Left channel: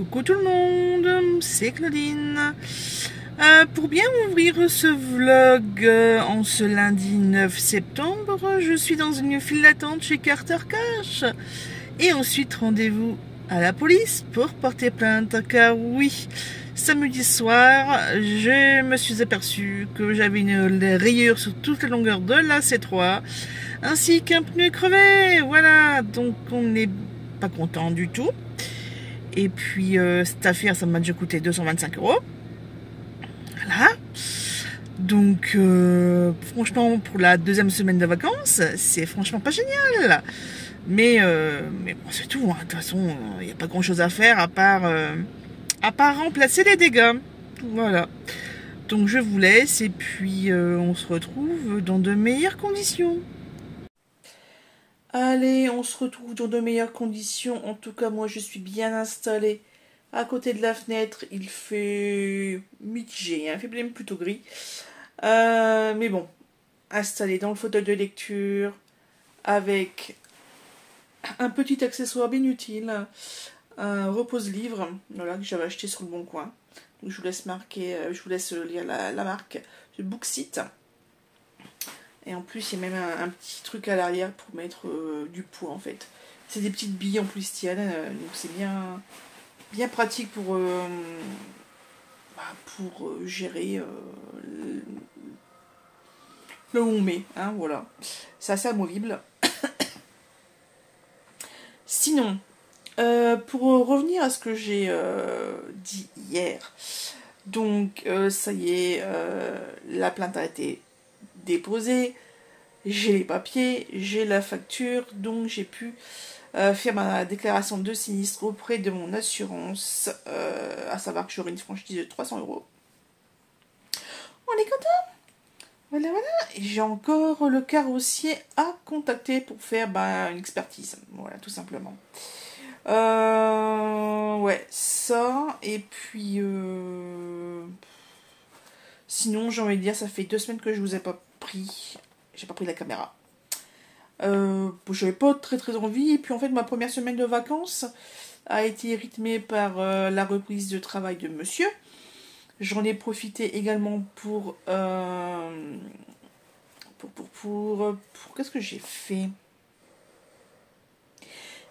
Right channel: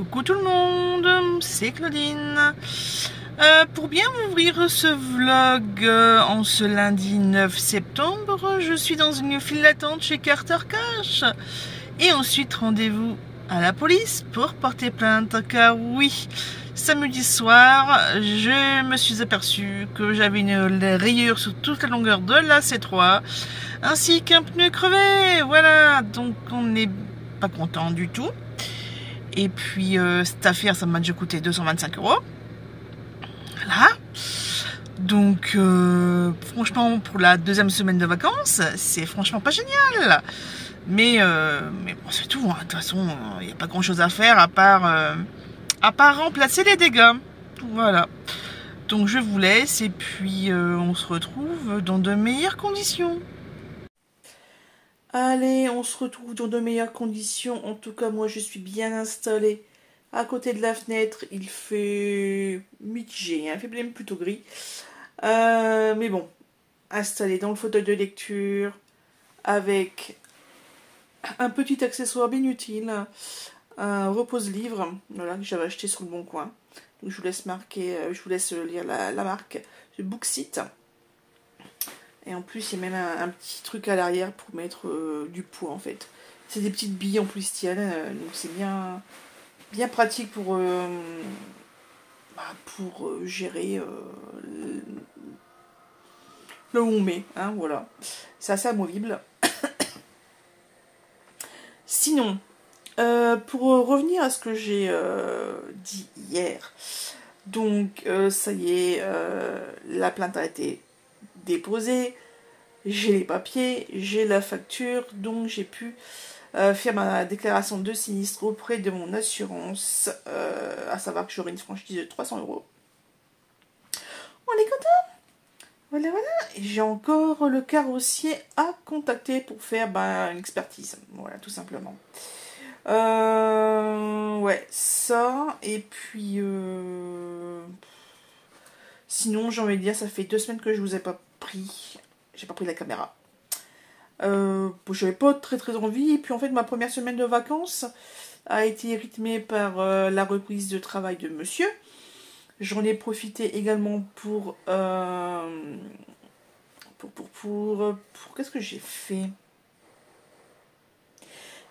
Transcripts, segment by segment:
Coucou tout le monde, c'est Claudine. Pour bien ouvrir ce vlog en ce lundi 9 septembre, je suis dans une file d'attente chez Carter Cash. Et ensuite rendez-vous à la police pour porter plainte, car oui, samedi soir, je me suis aperçu que j'avais une rayure sur toute la longueur de la C3, ainsi qu'un pneu crevé. Voilà, donc on n'est pas content du tout. Et puis cette affaire, ça m'a déjà coûté 225 €. Voilà. Donc franchement, pour la deuxième semaine de vacances, c'est franchement pas génial. Mais bon, c'est tout. Hein. De toute façon, il n'y a pas grand chose à faire à part remplacer les dégâts. Voilà. Donc je vous laisse et puis on se retrouve dans de meilleures conditions. Allez, on se retrouve dans de meilleures conditions. En tout cas, moi, je suis bien installée à côté de la fenêtre. Il fait mitigé, hein, il fait même plutôt gris. Mais bon, installée dans le fauteuil de lecture avec un petit accessoire bien utile, un repose-livre, voilà, que j'avais acheté sur le Bon Coin. Donc, je vous laisse lire la marque du Booksite. Et en plus, il y a même un petit truc à l'arrière pour mettre du poids, en fait. C'est des petites billes en polystyène, donc c'est bien pratique pour gérer là où on met, hein, voilà. C'est assez amovible. Sinon, pour revenir à ce que j'ai dit hier, donc ça y est, la plainte a été déposée, j'ai les papiers, j'ai la facture, donc j'ai pu faire ma déclaration de sinistre auprès de mon assurance, à savoir que j'aurai une franchise de 300 €. On est content. Voilà. Et j'ai encore le carrossier à contacter pour faire une expertise. Voilà, tout simplement. Ouais, ça. Et puis, sinon, j'ai envie de dire, ça fait 2 semaines que je vous ai pas pris. J'ai pas pris la caméra. J'avais pas très envie. Et puis, en fait, ma première semaine de vacances a été rythmée par la reprise de travail de monsieur. J'en ai profité également pour qu'est-ce que j'ai fait?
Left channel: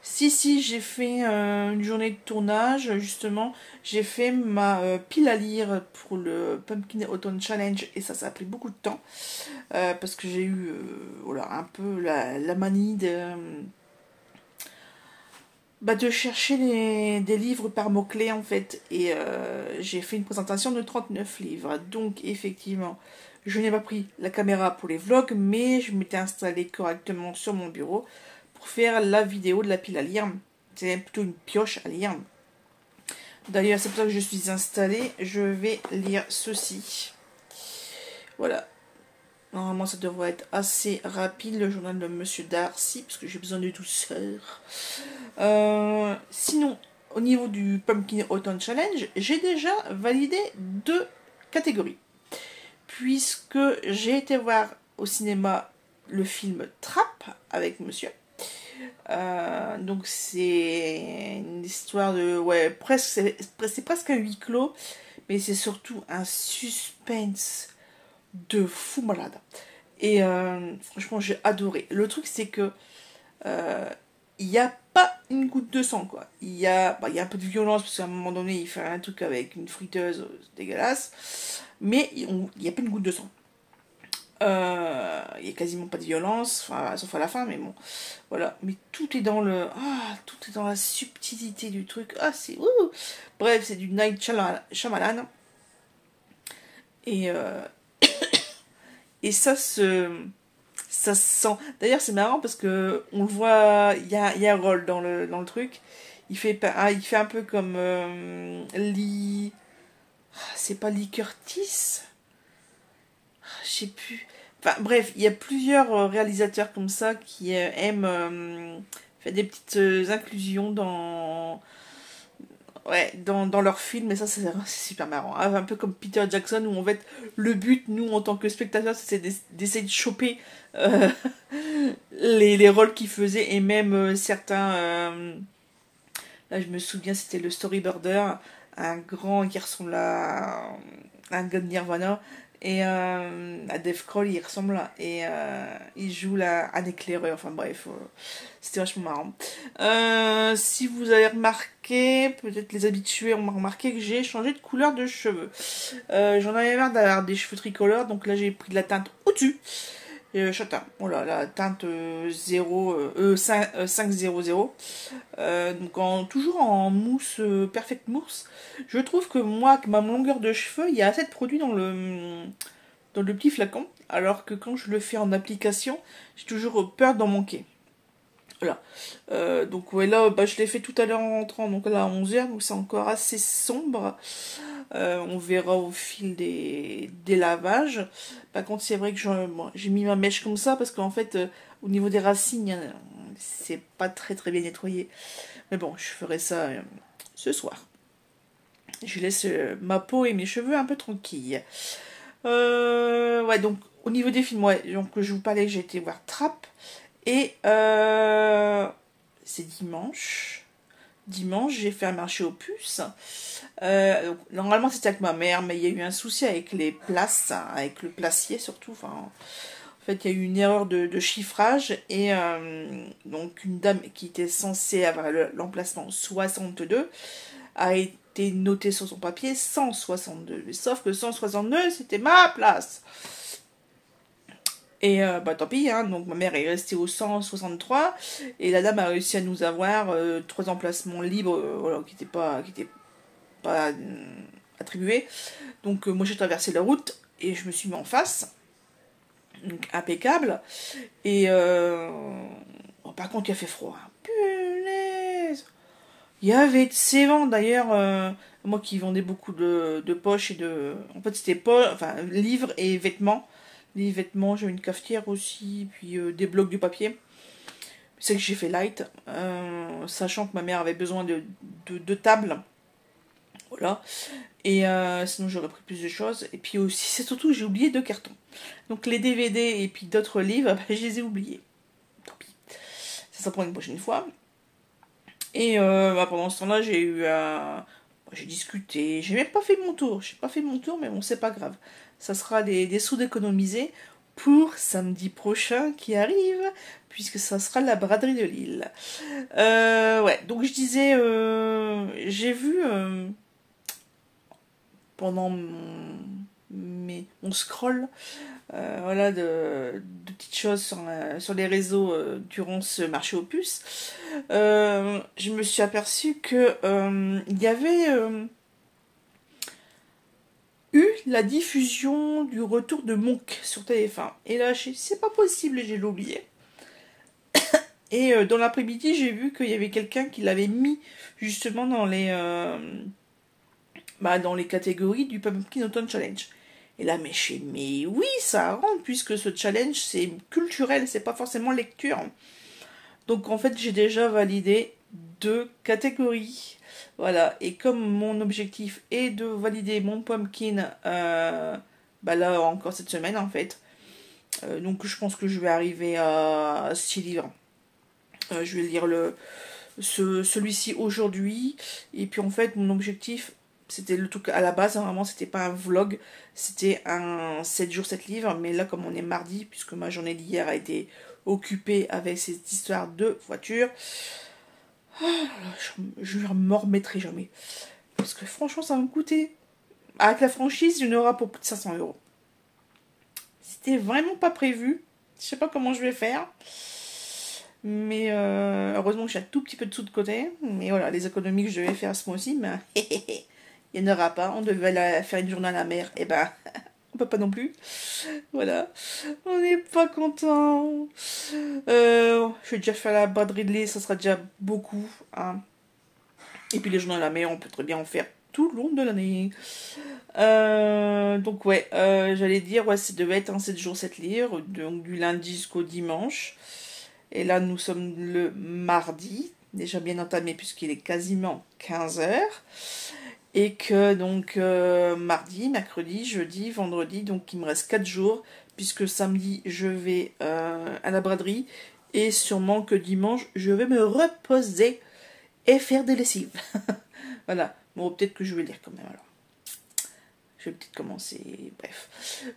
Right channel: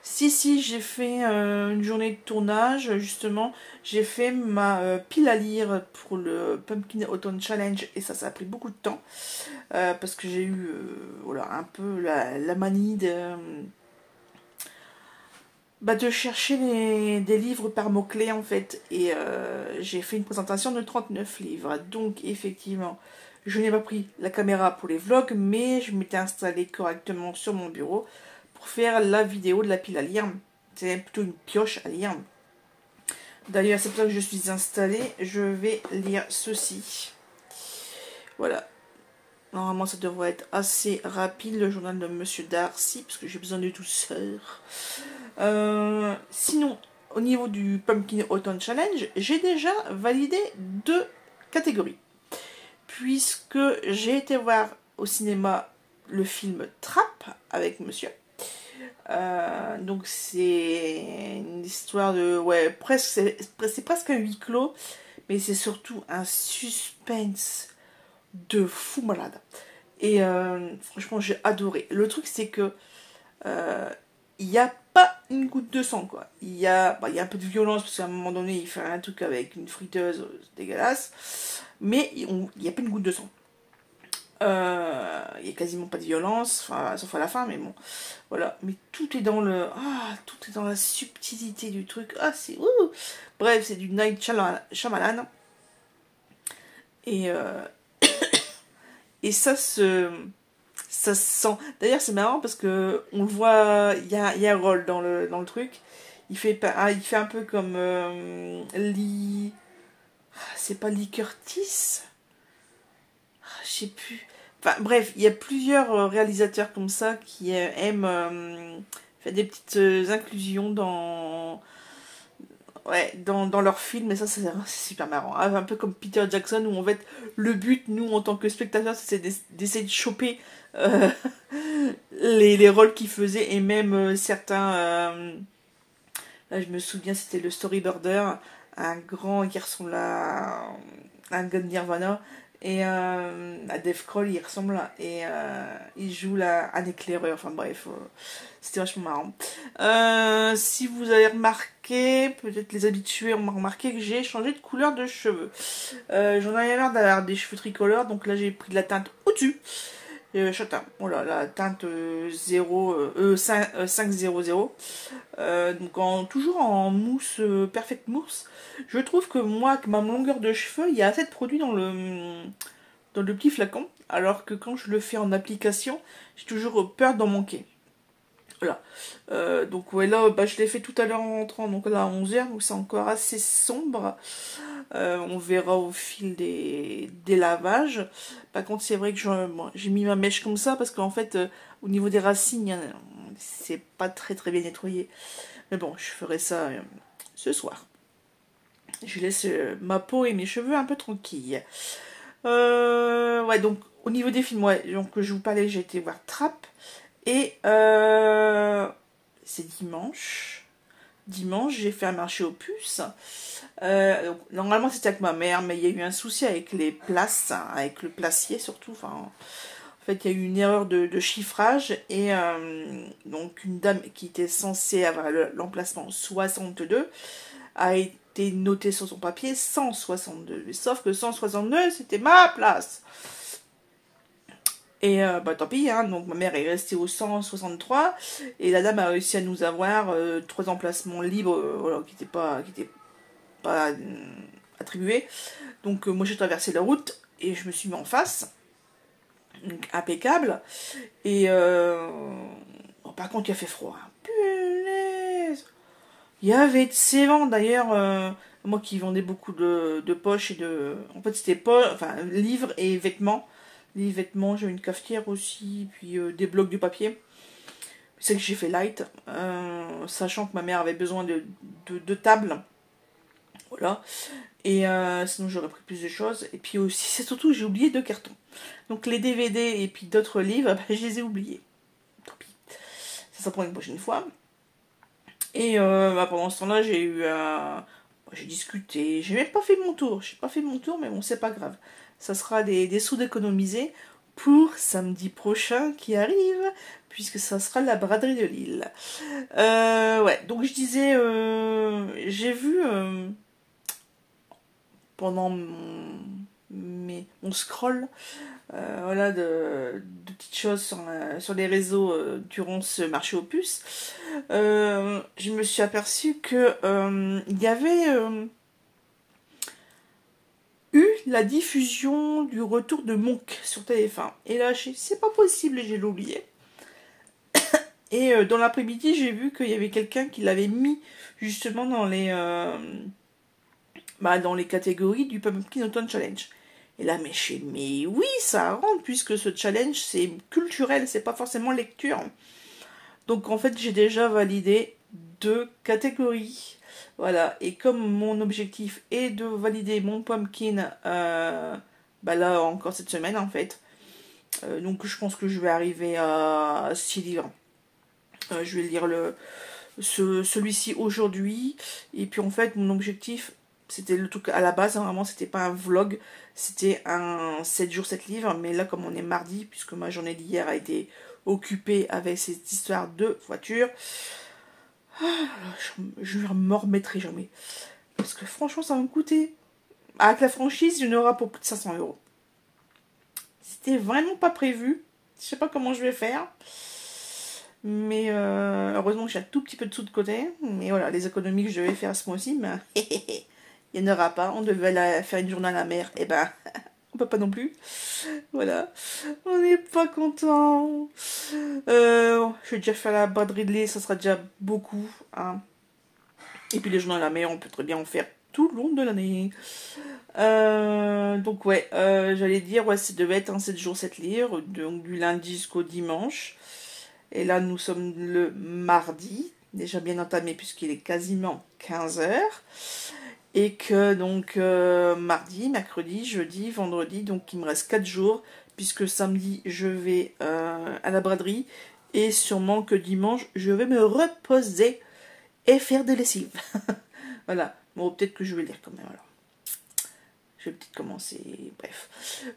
Si, j'ai fait une journée de tournage, justement. J'ai fait ma pile à lire pour le Pumpkin Autumn Challenge, et ça a pris beaucoup de temps, parce que j'ai eu voilà, un peu la manie de chercher des livres par mots-clés, en fait, et j'ai fait une présentation de 39 livres, donc effectivement, je n'ai pas pris la caméra pour les vlogs, mais je m'étais installée correctement sur mon bureau pour faire la vidéo de la pile à lire. C'est plutôt une pioche à lire. D'ailleurs, c'est pour ça que je suis installée. Je vais lire ceci. Voilà. Normalement, ça devrait être assez rapide, le journal de Monsieur Darcy, parce que j'ai besoin de douceur. Sinon, au niveau du Pumpkin Autumn Challenge, j'ai déjà validé 2 catégories. Puisque j'ai été voir au cinéma le film Trap avec monsieur. Donc c'est une histoire de... Ouais, c'est presque un huis clos, mais c'est surtout un suspense de fou malade. Et franchement, j'ai adoré. Le truc, c'est que il n'y a pas une goutte de sang, quoi. Il y a un peu de violence, parce qu'à un moment donné, il fait un truc avec une friteuse dégueulasse, mais il n'y a pas une goutte de sang. Il n'y a quasiment pas de violence, enfin, sauf à la fin, mais bon, voilà. Mais tout est dans tout est dans la subtilité du truc. C'est bref, c'est du Night Shyamalan. Et et ça se sent. D'ailleurs, c'est marrant parce que on le voit, il y a un rôle dans le truc. Il fait un peu comme Lee. C'est pas Lee Curtis. Je sais plus. Enfin bref, il y a plusieurs réalisateurs comme ça qui aiment faire des petites inclusions dans leurs films, et ça c'est super marrant. Un peu comme Peter Jackson, où en fait le but, nous en tant que spectateurs, c'est d'essayer de choper les rôles qu'il faisait, et même certains Là, je me souviens, c'était le Storyboarder, un grand qui ressemble à un gars de Nirvana. Et à Dave Grohl, il ressemble. Et il joue là, un éclaireur. Enfin bref, c'était vachement marrant. Si vous avez remarqué, peut-être les habitués ont remarqué que j'ai changé de couleur de cheveux. J'en avais marre d'avoir des cheveux tricolores. Donc là, j'ai pris de la teinte au-dessus. Châtain, voilà, la teinte 500. Donc toujours en mousse, perfect mousse. Je trouve que moi, avec ma longueur de cheveux, il y a assez de produits dans le petit flacon. Alors que quand je le fais en application, j'ai toujours peur d'en manquer. Voilà. Donc ouais, là, je l'ai fait tout à l'heure en rentrant, donc là à 11h, donc c'est encore assez sombre. On verra au fil des lavages. Par contre, c'est vrai que j'ai mis ma mèche comme ça parce qu'en fait, au niveau des racines, c'est pas très très bien nettoyé. Mais bon, je ferai ça ce soir. Je laisse ma peau et mes cheveux un peu tranquilles. Ouais, donc au niveau des films, ouais, donc je vous parlais, j'ai été voir Trap. Et c'est dimanche. Dimanche, j'ai fait un marché aux puces. Donc, normalement, c'était avec ma mère, mais il y a eu un souci avec les places, hein, avec le placier surtout. Enfin, en fait, il y a eu une erreur de chiffrage. Et donc, une dame qui était censée avoir l'emplacement 62 a été notée sur son papier 162. Sauf que 162, c'était ma place. Et tant pis, hein, donc ma mère est restée au 163 et la dame a réussi à nous avoir 3 emplacements libres voilà, qui n'étaient pas attribués. Donc moi j'ai traversé la route et je me suis mis en face, donc impeccable. Et bon, par contre il a fait froid. Punaise, il y avait de ces vents d'ailleurs. Moi qui vendais beaucoup de poches et de... En fait c'était livres et vêtements. Les vêtements, j'ai une cafetière aussi, puis des blocs de papier. C'est que j'ai fait light, sachant que ma mère avait besoin de tables. Voilà. Et sinon j'aurais pris plus de choses. Et puis aussi, c'est surtout j'ai oublié 2 cartons. Donc les DVD et puis d'autres livres, je les ai oubliés. Tant pis. Ça prend une prochaine fois. Et pendant ce temps-là, j'ai eu j'ai discuté. J'ai même pas fait mon tour. J'ai pas fait mon tour, mais bon, c'est pas grave. Ça sera des sous d'économiser pour samedi prochain qui arrive, puisque ça sera la braderie de Lille. Ouais, donc je disais, j'ai vu pendant mon scroll, voilà, de petites choses sur les réseaux durant ce marché aux puces, je me suis aperçue que il y avait eu la diffusion du retour de Monk sur TF1. Et là, c'est pas possible, j'ai oublié. Et dans l'après-midi, j'ai vu qu'il y avait quelqu'un qui l'avait mis justement dans les catégories du Pumpkin Autumn Challenge. Et là, mais oui, ça rentre, puisque ce challenge, c'est culturel, c'est pas forcément lecture. Donc en fait, j'ai déjà validé 2 catégories. Voilà, et comme mon objectif est de valider mon pumpkin, là encore cette semaine en fait, donc je pense que je vais arriver à 6 livres. Je vais lire celui-ci aujourd'hui, et puis en fait mon objectif, c'était le truc à la base, hein, vraiment c'était pas un vlog, c'était un 7 jours 7 livres, mais là comme on est mardi, puisque ma journée d'hier a été occupée avec cette histoire de voiture, je ne me remettrai jamais. Parce que franchement, ça va me coûter. Avec la franchise, il y en aura pour plus de 500 €. C'était vraiment pas prévu. Je sais pas comment je vais faire. Mais heureusement que j'ai un tout petit peu de sous de côté. Mais voilà, les économies que je devais faire ce mois-ci, mais il n'y en aura pas. On devait faire une journée à la mer. Et ben, on peut pas non plus. Voilà. On n'est pas content. Je vais déjà faire la braderie de lait, ça sera déjà beaucoup. Hein. Et puis les journées à la mer, on peut très bien en faire tout le long de l'année. Donc ouais, j'allais dire, ouais, ça devait être un 7 jours 7 livres, donc du lundi jusqu'au dimanche. Et là, nous sommes le mardi, déjà bien entamé puisqu'il est quasiment 15h. Et que donc mardi, mercredi, jeudi, vendredi, donc il me reste 4 jours, puisque samedi je vais à la braderie, et sûrement que dimanche je vais me reposer. et faire des lessives. Voilà. Bon, peut-être que je vais lire quand même, alors. Je vais peut-être commencer, bref.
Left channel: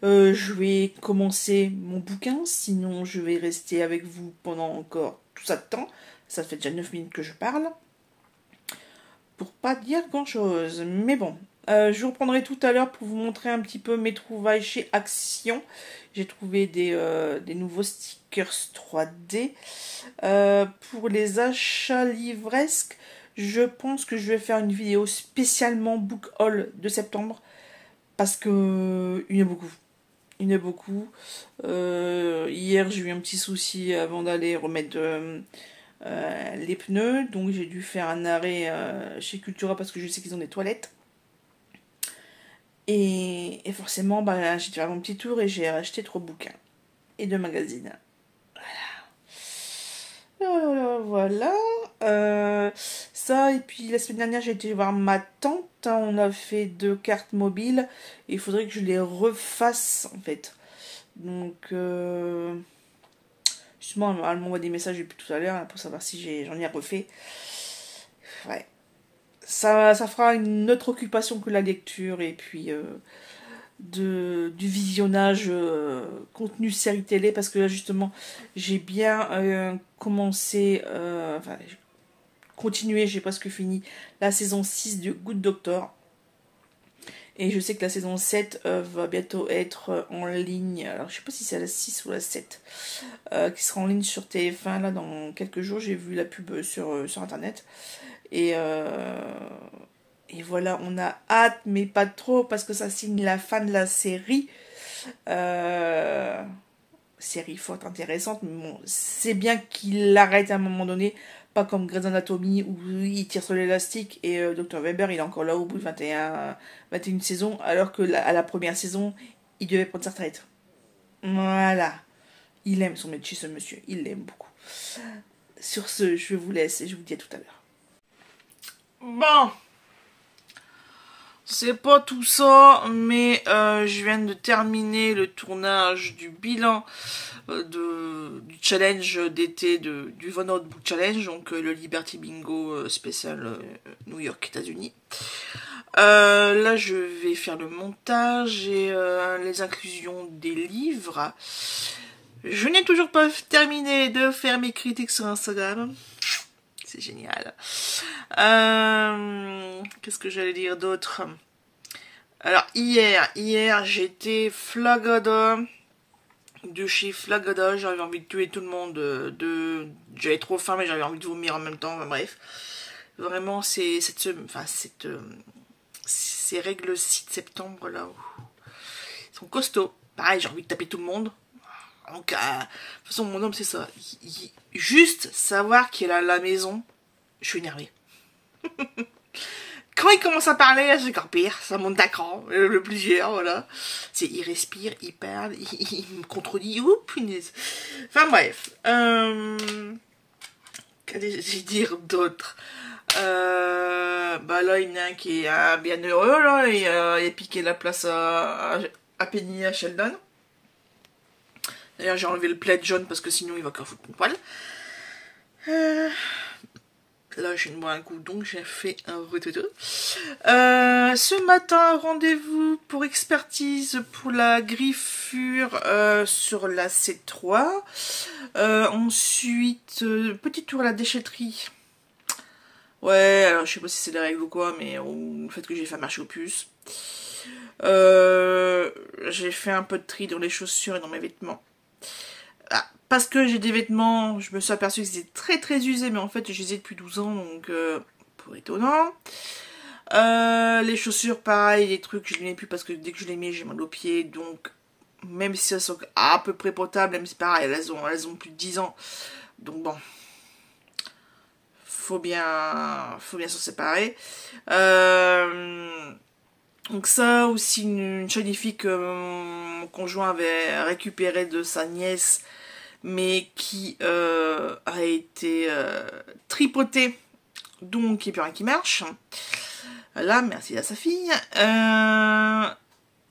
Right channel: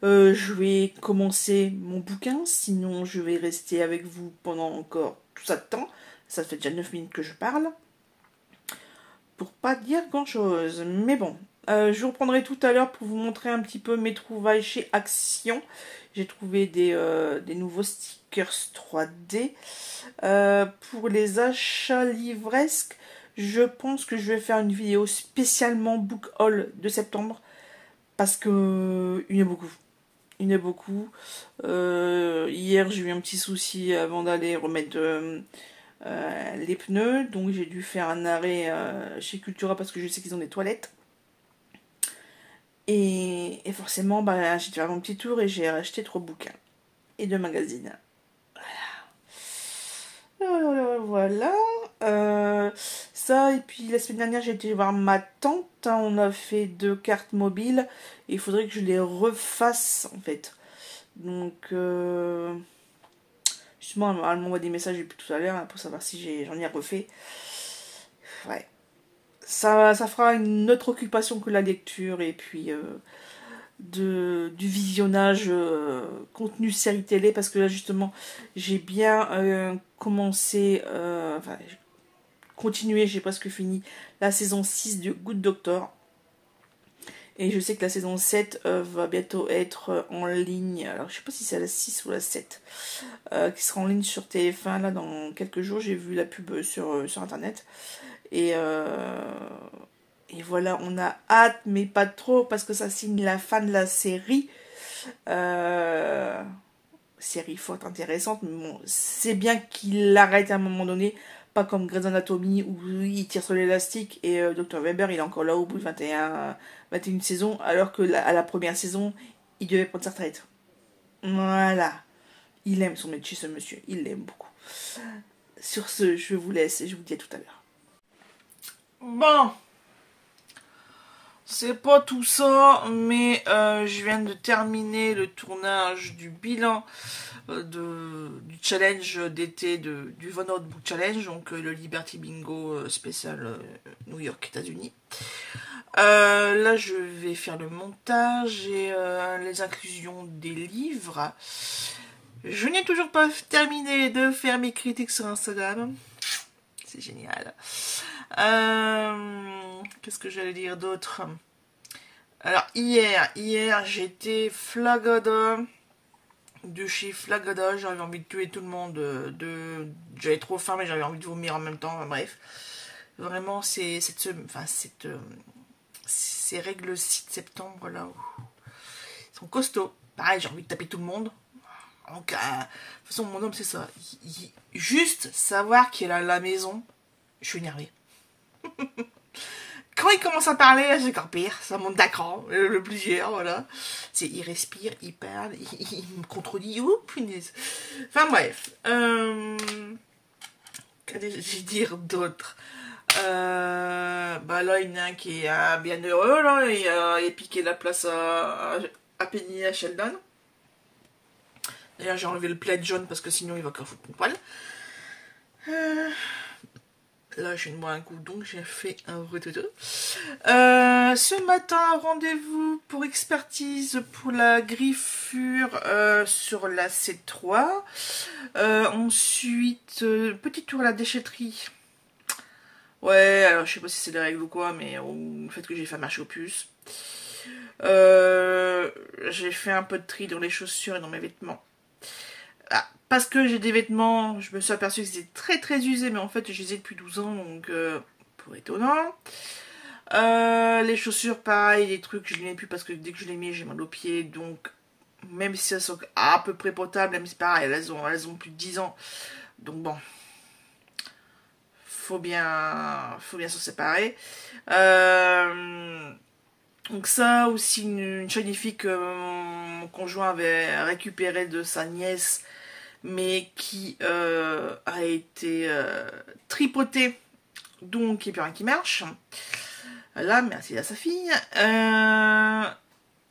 Je vais commencer mon bouquin, sinon je vais rester avec vous pendant encore tout ça de temps. Ça fait déjà 9 minutes que je parle. Pour pas dire grand-chose. Mais bon, je vous reprendrai tout à l'heure pour vous montrer un petit peu mes trouvailles chez Action. J'ai trouvé des nouveaux stickers 3D. Pour les achats livresques, je pense que je vais faire une vidéo spécialement book haul de septembre. Parce que il y en a beaucoup. Il y en a beaucoup. Hier, j'ai eu un petit souci avant d'aller remettre les pneus. Donc, j'ai dû faire un arrêt chez Cultura parce que je sais qu'ils ont des toilettes. Et forcément, bah, j'ai dû faire mon petit tour et j'ai acheté 3 bouquins et 2 magazines. Voilà. Ça, et puis la semaine dernière, j'ai été voir ma tante. On a fait 2 cartes mobiles. Et il faudrait que je les refasse, en fait. Donc, justement, elle m'envoie des messages depuis tout à l'heure pour savoir si j'en ai refait. Ouais. Ça fera une autre occupation que la lecture. Et puis, du visionnage contenu série télé. Parce que là, justement, j'ai bien commencé... enfin, continué, j'ai presque fini la saison 6 de Good Doctor. Et je sais que la saison 7 va bientôt être en ligne. Alors je sais pas si c'est la 6 ou la 7 qui sera en ligne sur TF1 là dans quelques jours. J'ai vu la pub sur internet. Et voilà, on a hâte, mais pas trop, parce que ça signe la fin de la série. Série fort intéressante, mais bon, c'est bien qu'il l'arrête à un moment donné. Pas comme Grey's Anatomy où il tire sur l'élastique et Dr Weber il est encore là au bout de 21 saisons, alors que à la première saison il devait prendre sa retraite. Voilà. Il aime son métier, ce monsieur, il l'aime beaucoup. Sur ce, je vous laisse et je vous dis à tout à l'heure. Bon, c'est pas tout ça, mais je viens de terminer le tournage du bilan du challenge d'été du Von Out Book Challenge, donc le Liberty Bingo spécial New York, États-Unis. Là, je vais faire le montage et les inclusions des livres. Je n'ai toujours pas terminé de faire mes critiques sur Instagram. C'est génial. Qu'est-ce que j'allais dire d'autre? Alors, hier j'étais Flagada. De chez Flagada, j'avais envie de tuer tout le monde. J'avais trop faim, mais j'avais envie de vomir en même temps. Enfin, bref, vraiment, ces règles 6 de septembre là, ils sont costauds. Pareil, j'ai envie de taper tout le monde. Donc, de toute façon, mon homme, c'est ça. Juste savoir qu'il est à la maison, je suis énervée. Quand il commence à parler, c'est encore pire, ça monte d'acran, le plusieurs, voilà. Il respire, il parle, il me contredit, ouh, punaise. Enfin bref. Qu'allais-je dire d'autre? Bah là, il y en a un qui est bien heureux, là, et il a piqué la place à Penny et à Sheldon. D'ailleurs, j'ai enlevé le plaid jaune parce que sinon il va encore foutre mon poil. Là, je viens de boire un coup, donc j'ai fait un reteto. Ce matin, rendez-vous pour expertise pour la griffure sur la C3. Ensuite, petit tour à la déchetterie. Ouais, alors je sais pas si c'est des règles ou quoi, mais le fait que j'ai fait marcher aux puces. J'ai fait un peu de tri dans les chaussures et dans mes vêtements. Parce que j'ai des vêtements, je me suis aperçue que c'était très très usé, mais en fait je les ai depuis 12 ans, donc pour étonnant. Les chaussures, pareil, les trucs, je les mets plus parce que dès que je les mets, j'ai mal aux pieds, donc même si elles sont à peu près potables, même si pareil, elles ont plus de 10 ans, donc bon, faut bien s'en séparer. Donc ça aussi, une shiny que mon conjoint avait récupéré de sa nièce, mais qui a été tripotée, donc il n'y a plus rien qui marche. Là, merci à sa fille.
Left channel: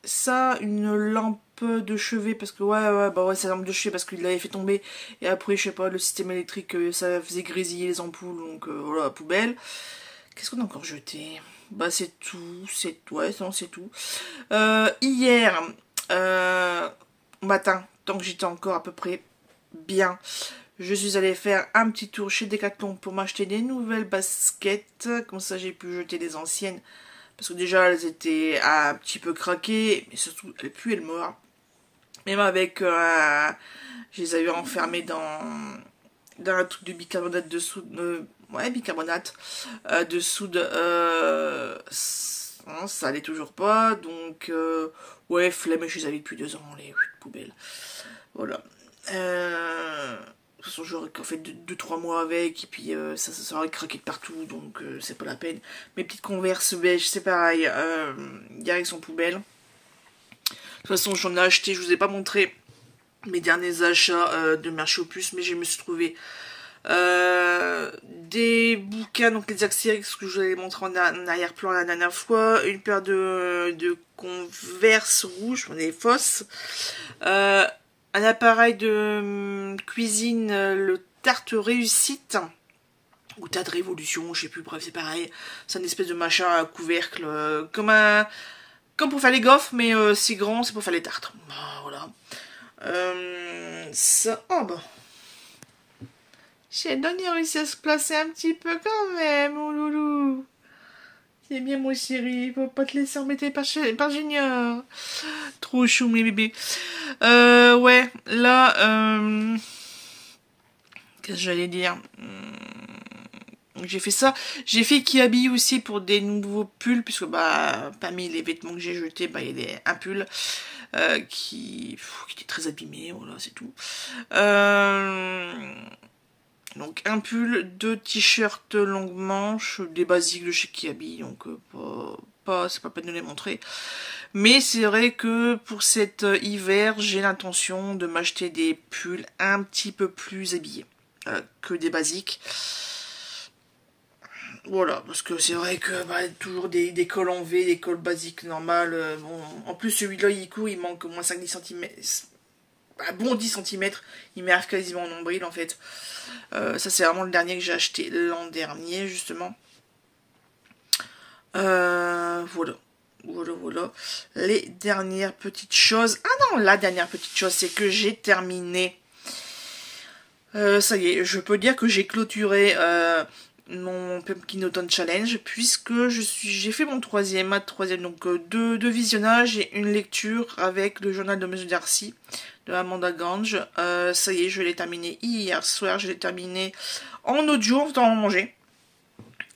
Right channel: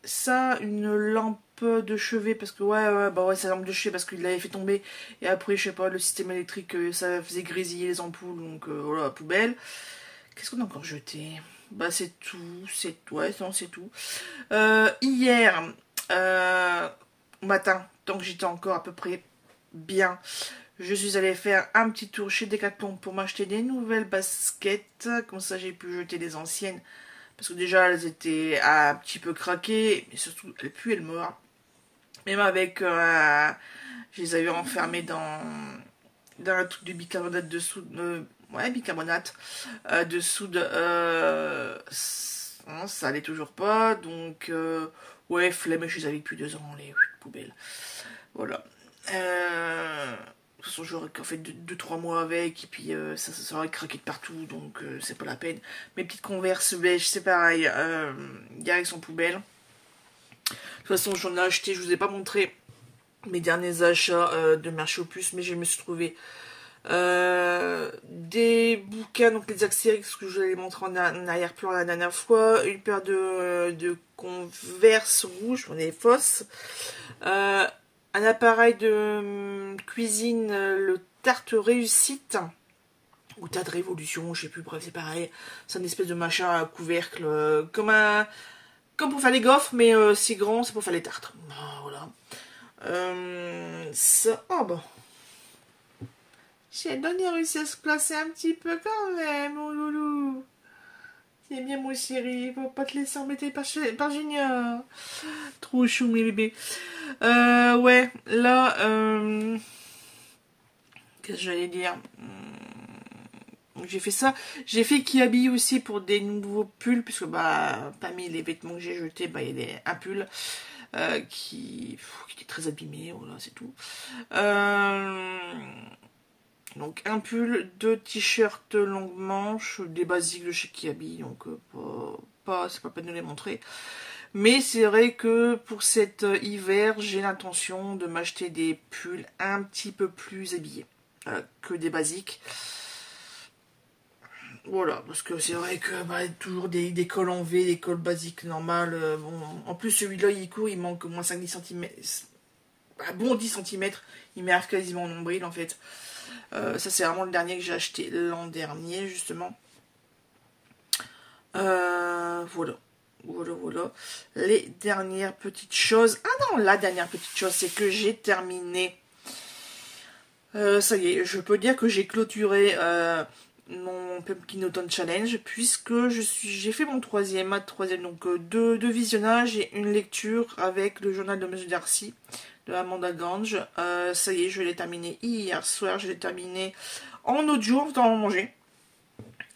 Ça, une lampe de chevet parce que ouais, sa lampe de chevet parce qu'il l'avait fait tomber et après je sais pas, le système électrique ça faisait grésiller les ampoules, donc voilà, poubelle. Qu'est-ce qu'on a encore jeté? Bah c'est tout, ouais non c'est tout. Hier matin, tant que j'étais encore à peu près bien, je suis allée faire un petit tour chez Decathlon pour m'acheter des nouvelles baskets, comme ça j'ai pu jeter des anciennes. Parce que déjà, elles étaient un petit peu craquées, mais surtout, elles puent le mort. Même avec, je les avais enfermées dans un truc de bicarbonate de soude, ouais, bicarbonate de soude, non, ça allait toujours pas, donc, ouais, flemme, je les avais depuis 2 ans, les poubelles. Voilà. De toute façon, j'aurais fait 2-3 mois avec, et puis ça aurait craqué de partout, donc c'est pas la peine. Mes petites Converse beige, c'est pareil, direction poubelle. De toute façon, j'en ai acheté, je vous ai pas montré mes derniers achats de marché aux puces, mais je me suis trouvé des bouquins, donc les Axérix que je vous avais montré en arrière-plan la dernière fois, une paire de Converse rouges, des fausses, un appareil de cuisine, le Tarte Réussite, ou Tarte Révolution, je sais plus, bref, c'est pareil. C'est une espèce de machin à couvercle, comme pour faire les gaufres, mais c'est grand, c'est pour faire les tartes. Voilà. Ça, oh bah. Sheldon, il a réussi à se placer un petit peu quand même, mon loulou. C'est bien, mon chéri, faut pas te laisser embêter par Junior. Trop chou, mes bébés. Ouais, là, qu'est-ce que j'allais dire? J'ai fait ça. J'ai fait Kiabi aussi pour des nouveaux pulls, puisque bah, parmi les vêtements que j'ai jetés, bah, il y a un pull qui était très abîmé, voilà, c'est tout. Donc un pull, 2 t-shirts longue manche, des basiques de chez Kiabi, donc c'est pas peine de les montrer. Mais c'est vrai que pour cet hiver, j'ai l'intention de m'acheter des pulls un petit peu plus habillés que des basiques. Voilà, parce que c'est vrai que bah, toujours des cols en V, des cols basiques normales. Bon, en plus celui-là il manque au moins 5-10 cm. Un bon 10 cm, il m'arrive quasiment au nombril en fait. Ça c'est vraiment le dernier que j'ai acheté l'an dernier justement. Voilà. Les dernières petites choses. Ah non, la dernière petite chose, c'est que j'ai terminé. Ça y est, je peux dire que j'ai clôturé mon Pumpkin Autumn Challenge, puisque j'ai fait mon troisième, donc deux visionnages et une lecture avec le journal de Monsieur Darcy de Amanda Gange. Ça y est, je l'ai terminé hier soir, je l'ai terminé en audio, en temps à manger.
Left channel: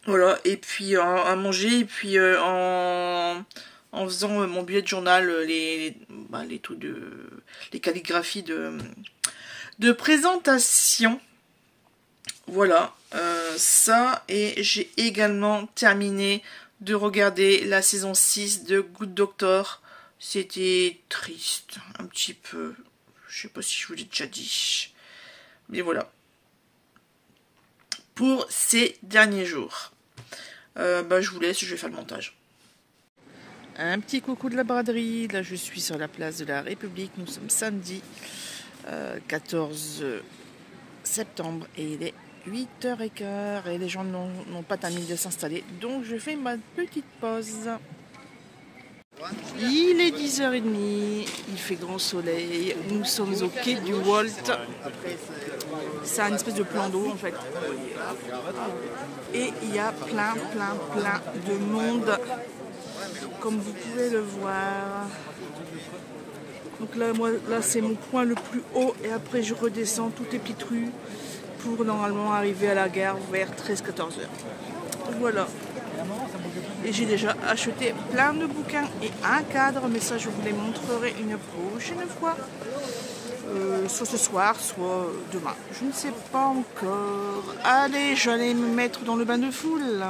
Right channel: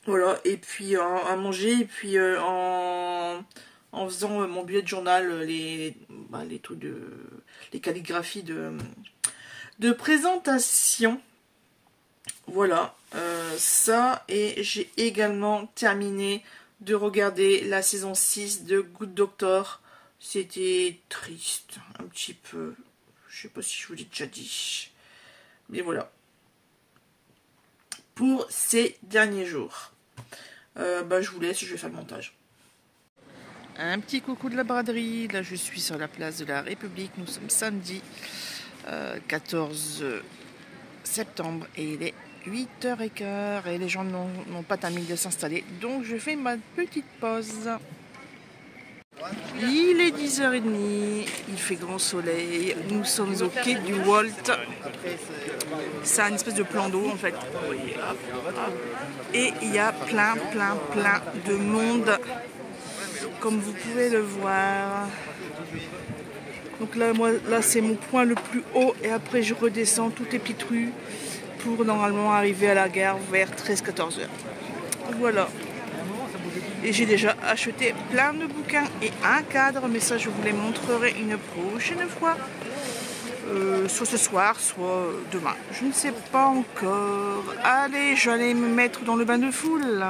Voilà, et puis à manger, et puis en faisant mon bullet journal, les trucs les calligraphies de présentation. Voilà, ça, et j'ai également terminé de regarder la saison 6 de Good Doctor. C'était triste, un petit peu. Je sais pas si je vous l'ai déjà dit. Mais voilà. Pour ces derniers jours. Bah, je vous laisse, je vais faire le montage. Un petit coucou de la braderie. Là, je suis sur la place de la République. Nous sommes samedi 14 septembre et il est 8h15 et les gens n'ont pas terminé de s'installer. Donc, je fais ma petite pause. Il est 10h30. Il fait grand soleil. Nous sommes au quai du Walt. C'est une espèce de plan d'eau en fait. Vous voyez, hop, hop. Et il y a plein de monde, comme vous pouvez le voir. Donc là, là c'est mon point le plus haut et après je redescends toutes les petites rues pour normalement arriver à la gare vers 13-14 heures. Voilà. Et j'ai déjà acheté plein de bouquins et un cadre, mais ça je vous les montrerai une prochaine fois. Soit ce soir, soit demain. Je ne sais pas encore. Allez, j'allais me mettre dans le bain de foule.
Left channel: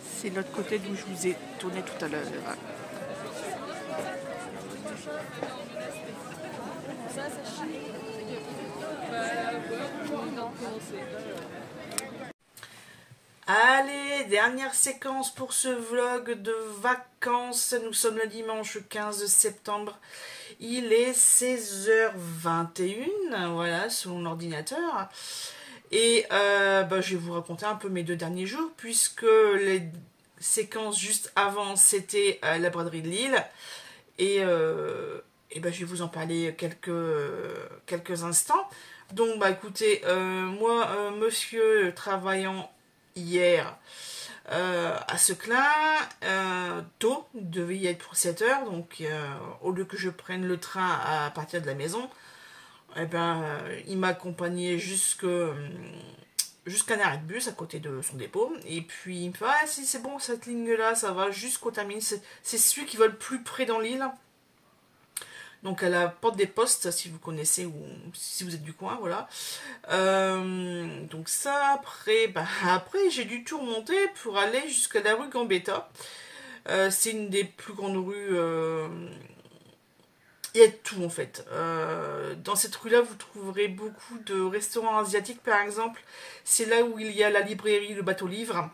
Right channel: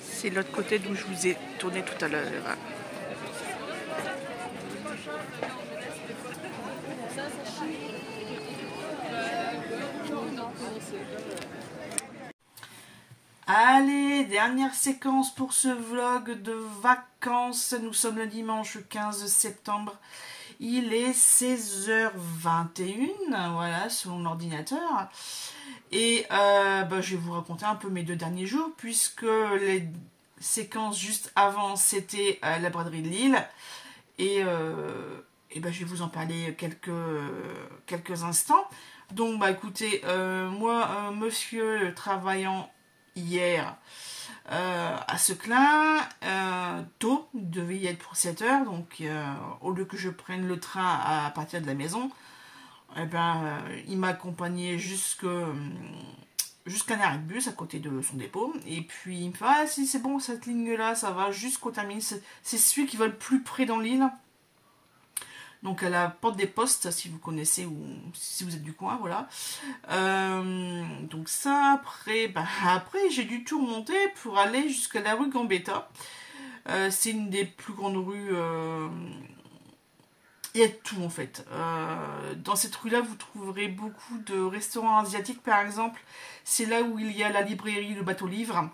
C'est l'autre côté d'où je vous ai tourné tout à l'heure. Allez, dernière séquence pour ce vlog de vacances. Nous sommes le dimanche 15 septembre. Il est 16h21, voilà, sur mon ordinateur. Et je vais vous raconter un peu mes 2 derniers jours, puisque les séquences juste avant, c'était la braderie de Lille. Et je vais vous en parler quelques instants. Donc, écoutez, moi, monsieur travaillant hier à Seclin, tôt, il devait y être pour 7 heures, donc au lieu que je prenne le train à partir de la maison, il m'a accompagné jusqu'à un arrêt de bus à côté de son dépôt, et puis il me fait « Ah si c'est bon, cette ligne-là, ça va jusqu'au terminus, c'est celui qui va le plus près dans l'île ». Donc à la porte des postes, si vous connaissez ou si vous êtes du coin, voilà. Donc ça, après j'ai dû tout remonter pour aller jusqu'à la rue Gambetta. C'est une des plus grandes rues. Il y a tout en fait. Dans cette rue-là, vous trouverez beaucoup de restaurants asiatiques, par exemple. C'est là où il y a la librairie, le bateau livre.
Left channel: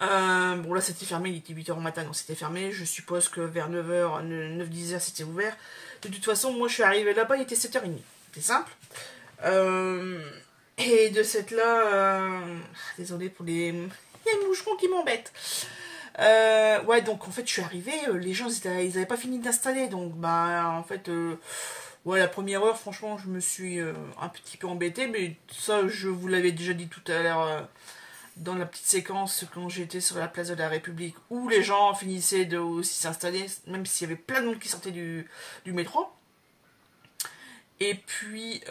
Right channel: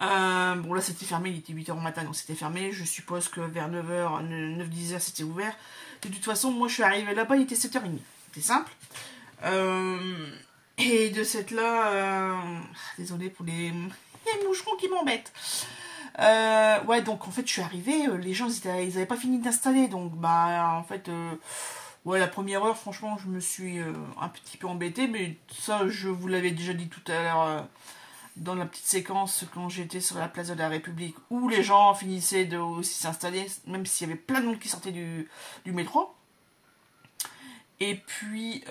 Bon là c'était fermé, il était 8h au matin, donc c'était fermé. Je suppose que vers 9h, 9-10h c'était ouvert. De toute façon, moi je suis arrivée là-bas, il était 7h30. C'était simple. Et de cette là, désolée pour les moucherons qui m'embêtent. Ouais, donc en fait je suis arrivée, les gens ils avaient pas fini d'installer, donc en fait ouais, la première heure franchement je me suis un petit peu embêtée, mais ça je vous l'avais déjà dit tout à l'heure dans la petite séquence quand j'étais sur la place de la République, où les gens finissaient de aussi s'installer, même s'il y avait plein de monde qui sortait du métro. Et puis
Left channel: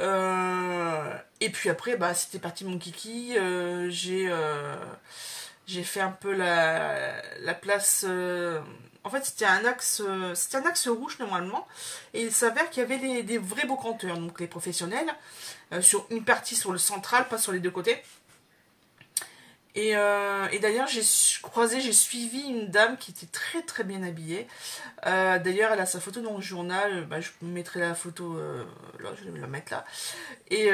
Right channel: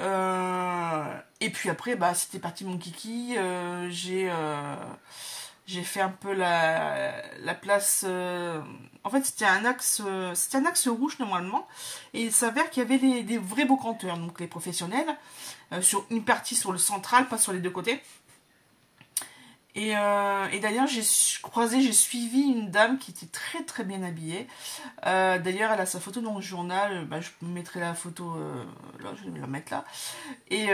après, c'était parti mon kiki. J'ai fait un peu la place. En fait, c'était un axe rouge normalement, et il s'avère qu'il y avait des vrais brocanteurs, donc les professionnels, sur une partie sur le central, pas sur les deux côtés. Et d'ailleurs, j'ai suivi une dame qui était très très bien habillée. D'ailleurs, elle a sa photo dans le journal. Je mettrai la photo là, je vais la mettre là. Et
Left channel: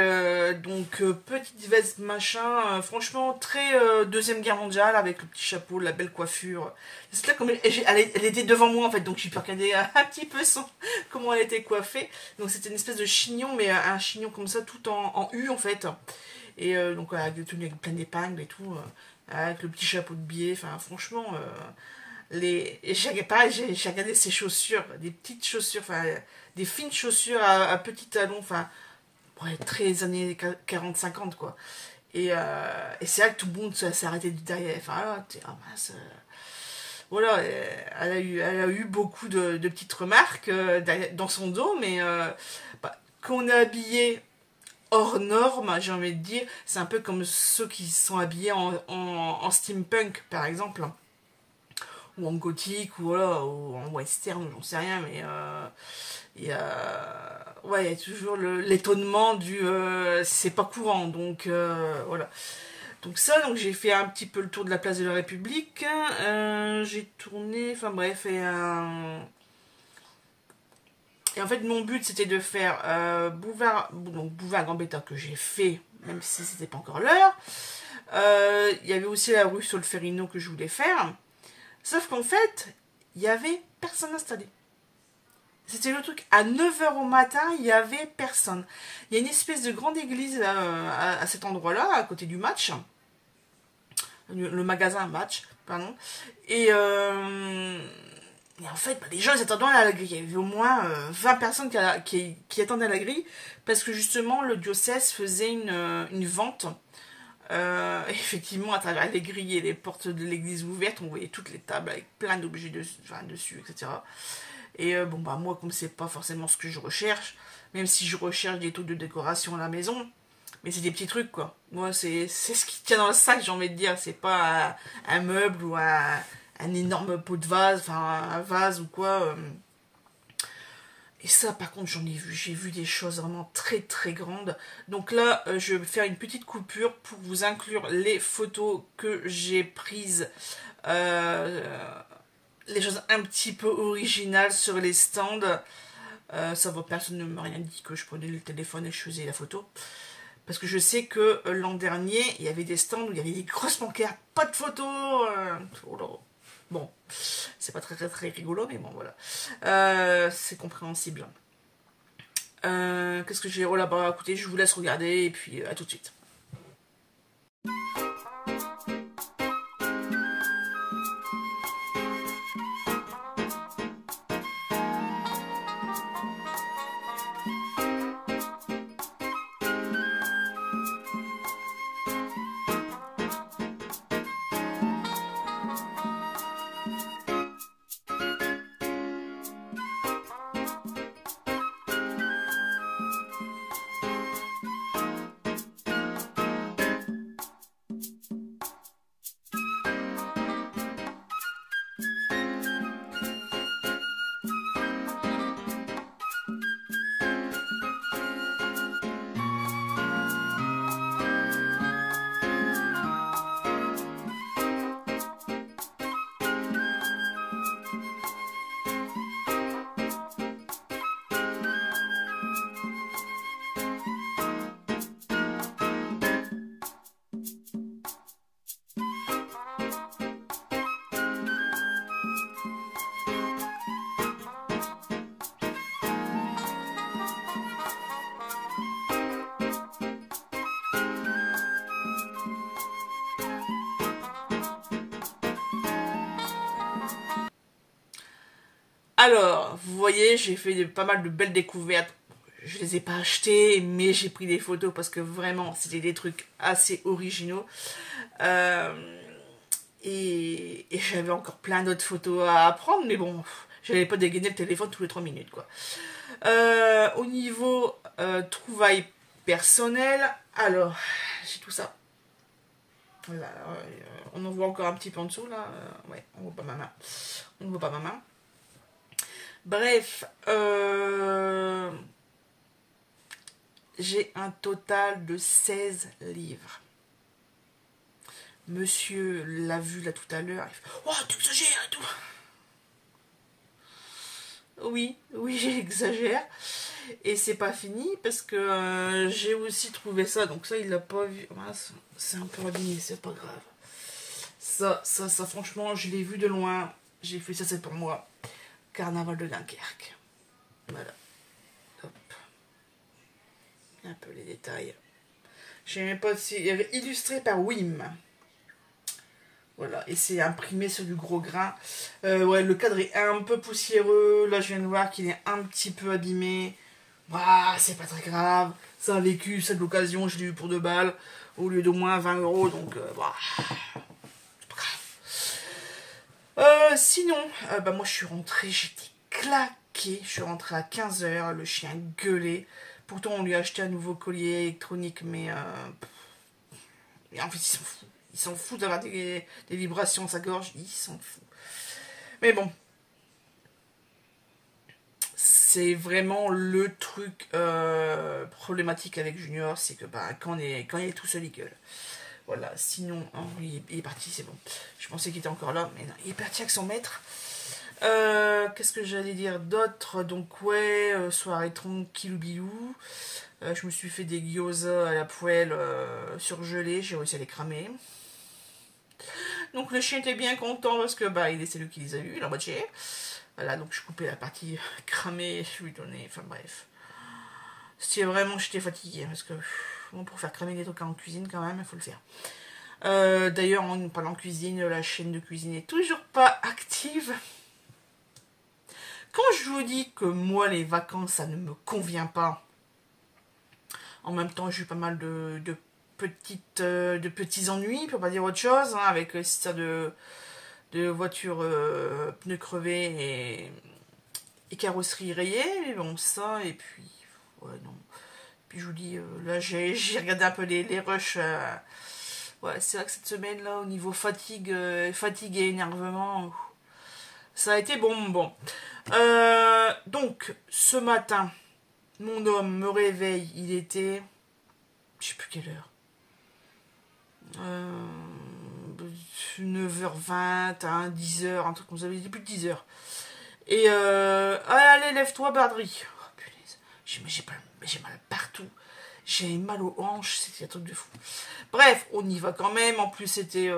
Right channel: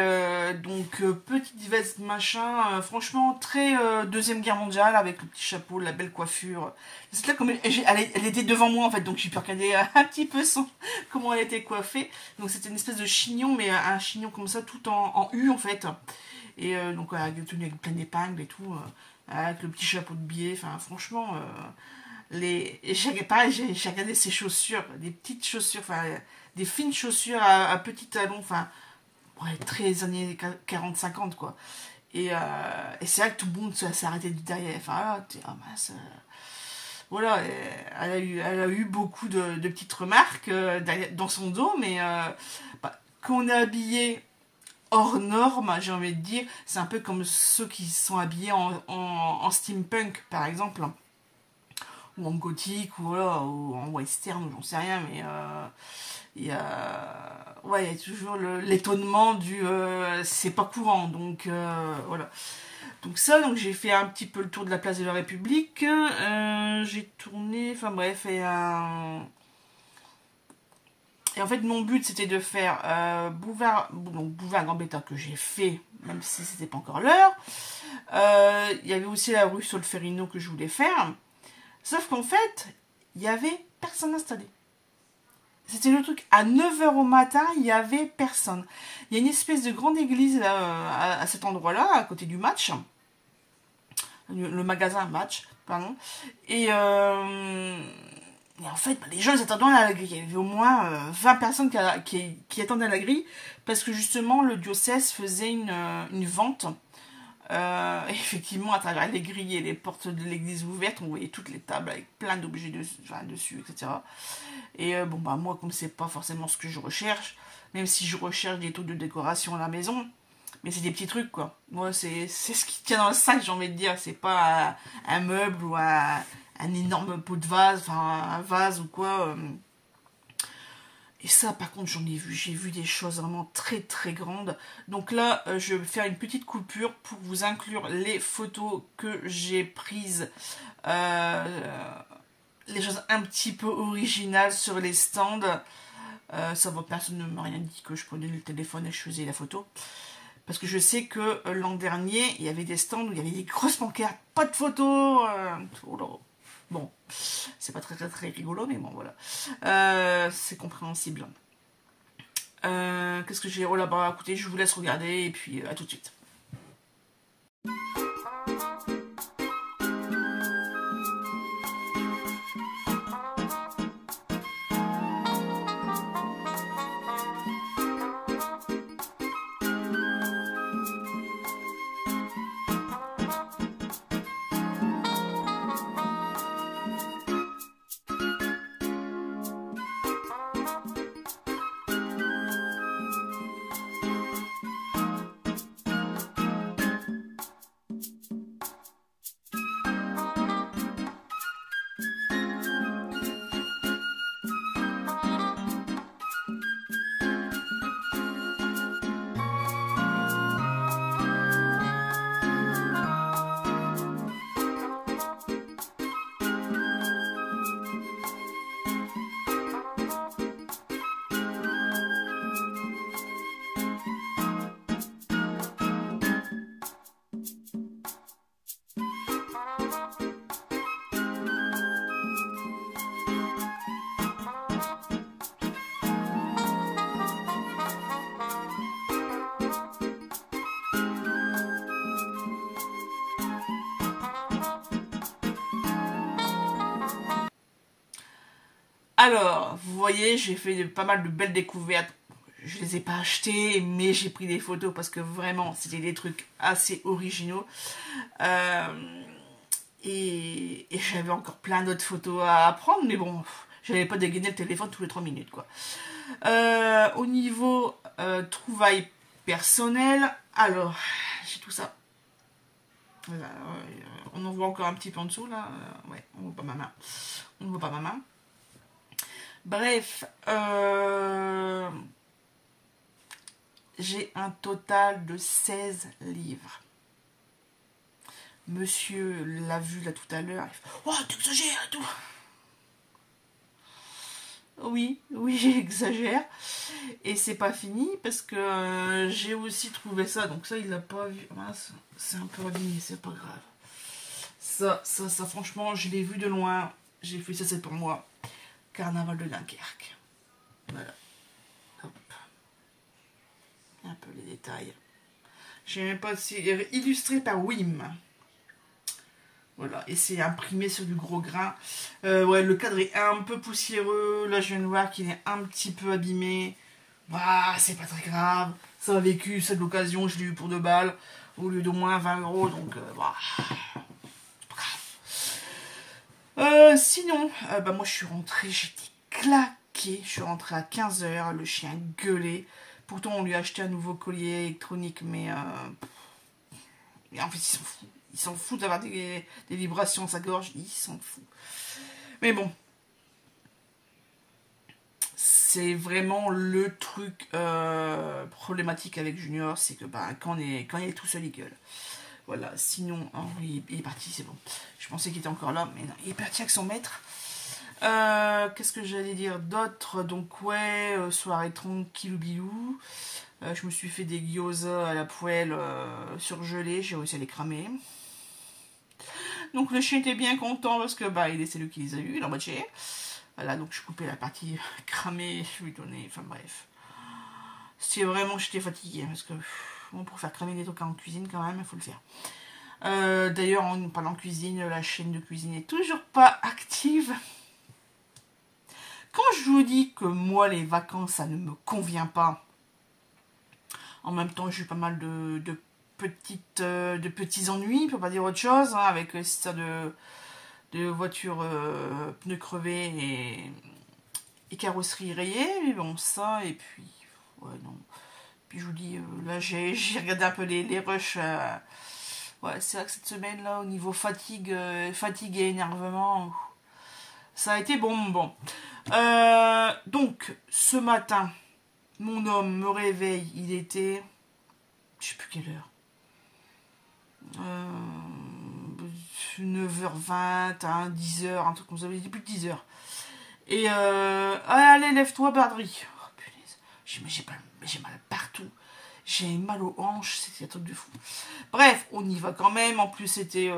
donc, petite veste machin, franchement, très Deuxième Guerre mondiale, avec le petit chapeau, la belle coiffure. C'est là comme elle était devant moi en fait, donc j'ai pu regarder un petit peu comment elle était coiffée. Donc, c'était une espèce de chignon, mais un chignon comme ça, tout en U en fait. Et donc avec le tenue avec plein d'épingles et tout, avec le petit chapeau de biais, enfin franchement, j'ai regardé ses chaussures, des petites chaussures, enfin des fines chaussures à petits talons, enfin ouais, très années 40-50 quoi. Et c'est là que tout le monde s'est arrêté du derrière, enfin mince, voilà, elle a eu beaucoup de petites remarques dans son dos, mais quand on est habillé hors norme, j'ai envie de dire, c'est un peu comme ceux qui sont habillés en steampunk, par exemple, ou en gothique, ou, voilà, ou en western, j'en sais rien, mais il y a toujours l'étonnement du c'est pas courant, donc voilà. Donc donc j'ai fait un petit peu le tour de la place de la République, j'ai tourné, enfin bref, et en fait, mon but, c'était de faire Boulevard Gambetta, que j'ai fait, même si c'était pas encore l'heure. Il y avait aussi la rue Solferino que je voulais faire. Sauf qu'en fait, il y avait personne installé. C'était le truc. À 9h au matin, il y avait personne. Il y a une espèce de grande église à cet endroit-là, à côté du match. Le magasin Match, pardon. Et en fait, les gens ils attendaient à la grille. Il y avait au moins 20 personnes qui attendaient à la grille, parce que justement le diocèse faisait une vente. Effectivement, à travers les grilles et les portes de l'église ouvertes, on voyait toutes les tables avec plein d'objets dessus, etc. Et moi, comme c'est pas forcément ce que je recherche, même si je recherche des taux de décoration à la maison, mais c'est des petits trucs quoi. Moi, c'est ce qui tient dans le sac, j'ai envie de dire. C'est pas un meuble ou un énorme pot de vase, enfin un vase ou quoi. Et ça, par contre, j'ai vu des choses vraiment très très grandes. Donc là, je vais faire une petite coupure pour vous inclure les photos que j'ai prises. Les choses un petit peu originales sur les stands. Ça va, personne ne m'a rien dit que je prenais le téléphone et je faisais la photo. Parce que je sais que l'an dernier, il y avait des stands où il y avait des grosses pancartes, pas de photos. Oh là. Bon, c'est pas très rigolo, mais bon, voilà. C'est compréhensible. Qu'est-ce que j'ai? Oh là, bah écoutez, je vous laisse regarder et puis à tout de suite. Alors, vous voyez, j'ai fait pas mal de belles découvertes. Je les ai pas achetées, mais j'ai pris des photos parce que vraiment, c'était des trucs assez originaux. Et j'avais encore plein d'autres photos à prendre, mais bon, j'avais pas dégainé le téléphone tous les 3 minutes, quoi. Au niveau trouvailles personnelles, alors, j'ai tout ça. Voilà, on en voit encore un petit peu en dessous, là. Ouais, on voit pas ma main. On ne voit pas ma main. Bref, j'ai un total de 16 livres. Monsieur l'a vu là tout à l'heure. Oh, tu exagères et tout. Oui, j'exagère. Et c'est pas fini parce que j'ai aussi trouvé ça. Donc ça, il l'a pas vu. C'est un peu abîmé, c'est pas grave. Ça, franchement, je l'ai vu de loin. J'ai fait ça, c'est pour moi. Carnaval de Dunkerque. Voilà. Hop. Un peu les détails. Je sais même pas si... Il y avait illustré par Wim. Voilà. Et c'est imprimé sur du gros grain. Ouais, le cadre est un peu poussiéreux. Là, je viens de voir qu'il est un petit peu abîmé. Bah, c'est pas très grave. Ça a vécu, c'est de l'occasion. Je l'ai eu pour 2 balles. Au lieu d'au moins 20 €. Donc, bah... c'est pas grave. Sinon, bah, moi, je suis rentrée. J'étais claquée. Je suis rentrée à 15 h. Le chien gueulait. Pourtant, on lui a acheté un nouveau collier électronique, mais en fait, il s'en fout. Il s'en fout d'avoir des vibrations à sa gorge. Il s'en fout. Mais bon. C'est vraiment le truc problématique avec Junior. C'est que bah, quand il est tout seul, il gueule. Voilà. Sinon, oh, il est parti, c'est bon. Je pensais qu'il était encore là, mais non, il est parti avec son maître. Qu'est-ce que j'allais dire d'autre? Donc ouais, soirée tranquille bilou. Je me suis fait des gyoza à la poêle surgelés. J'ai réussi à les cramer. Donc le chien était bien content parce que bah c'est lui qui les a eu, il en moitié. Voilà, donc je coupais la partie cramée, je lui donnais, enfin bref. C'est vraiment, j'étais fatiguée parce que bon, pour faire cramer des trucs en cuisine quand même, il faut le faire. D'ailleurs, en parlant cuisine, la chaîne de cuisine n'est toujours pas active. Quand je vous dis que moi, les vacances, ça ne me convient pas, en même temps, j'ai eu pas mal de petits ennuis, pour pas dire autre chose, hein, avec ça de voiture pneus crevés et carrosserie rayée. Mais bon, ça, et puis, ouais, non. Puis je vous dis, là, j'ai regardé un peu les rushs. Ouais, c'est vrai que cette semaine-là, au niveau fatigue et énervement, ça a été bon. Donc, ce matin, mon homme me réveille, il était, je sais plus quelle heure, 9h20, hein, 10h, un truc comme ça, il était plus de 10h. Et allez, lève-toi, Bardry. Oh, punaise, j'ai mal partout. J'ai mal aux hanches, c'était un truc de fou. Bref, on y va quand même. En plus, c'était...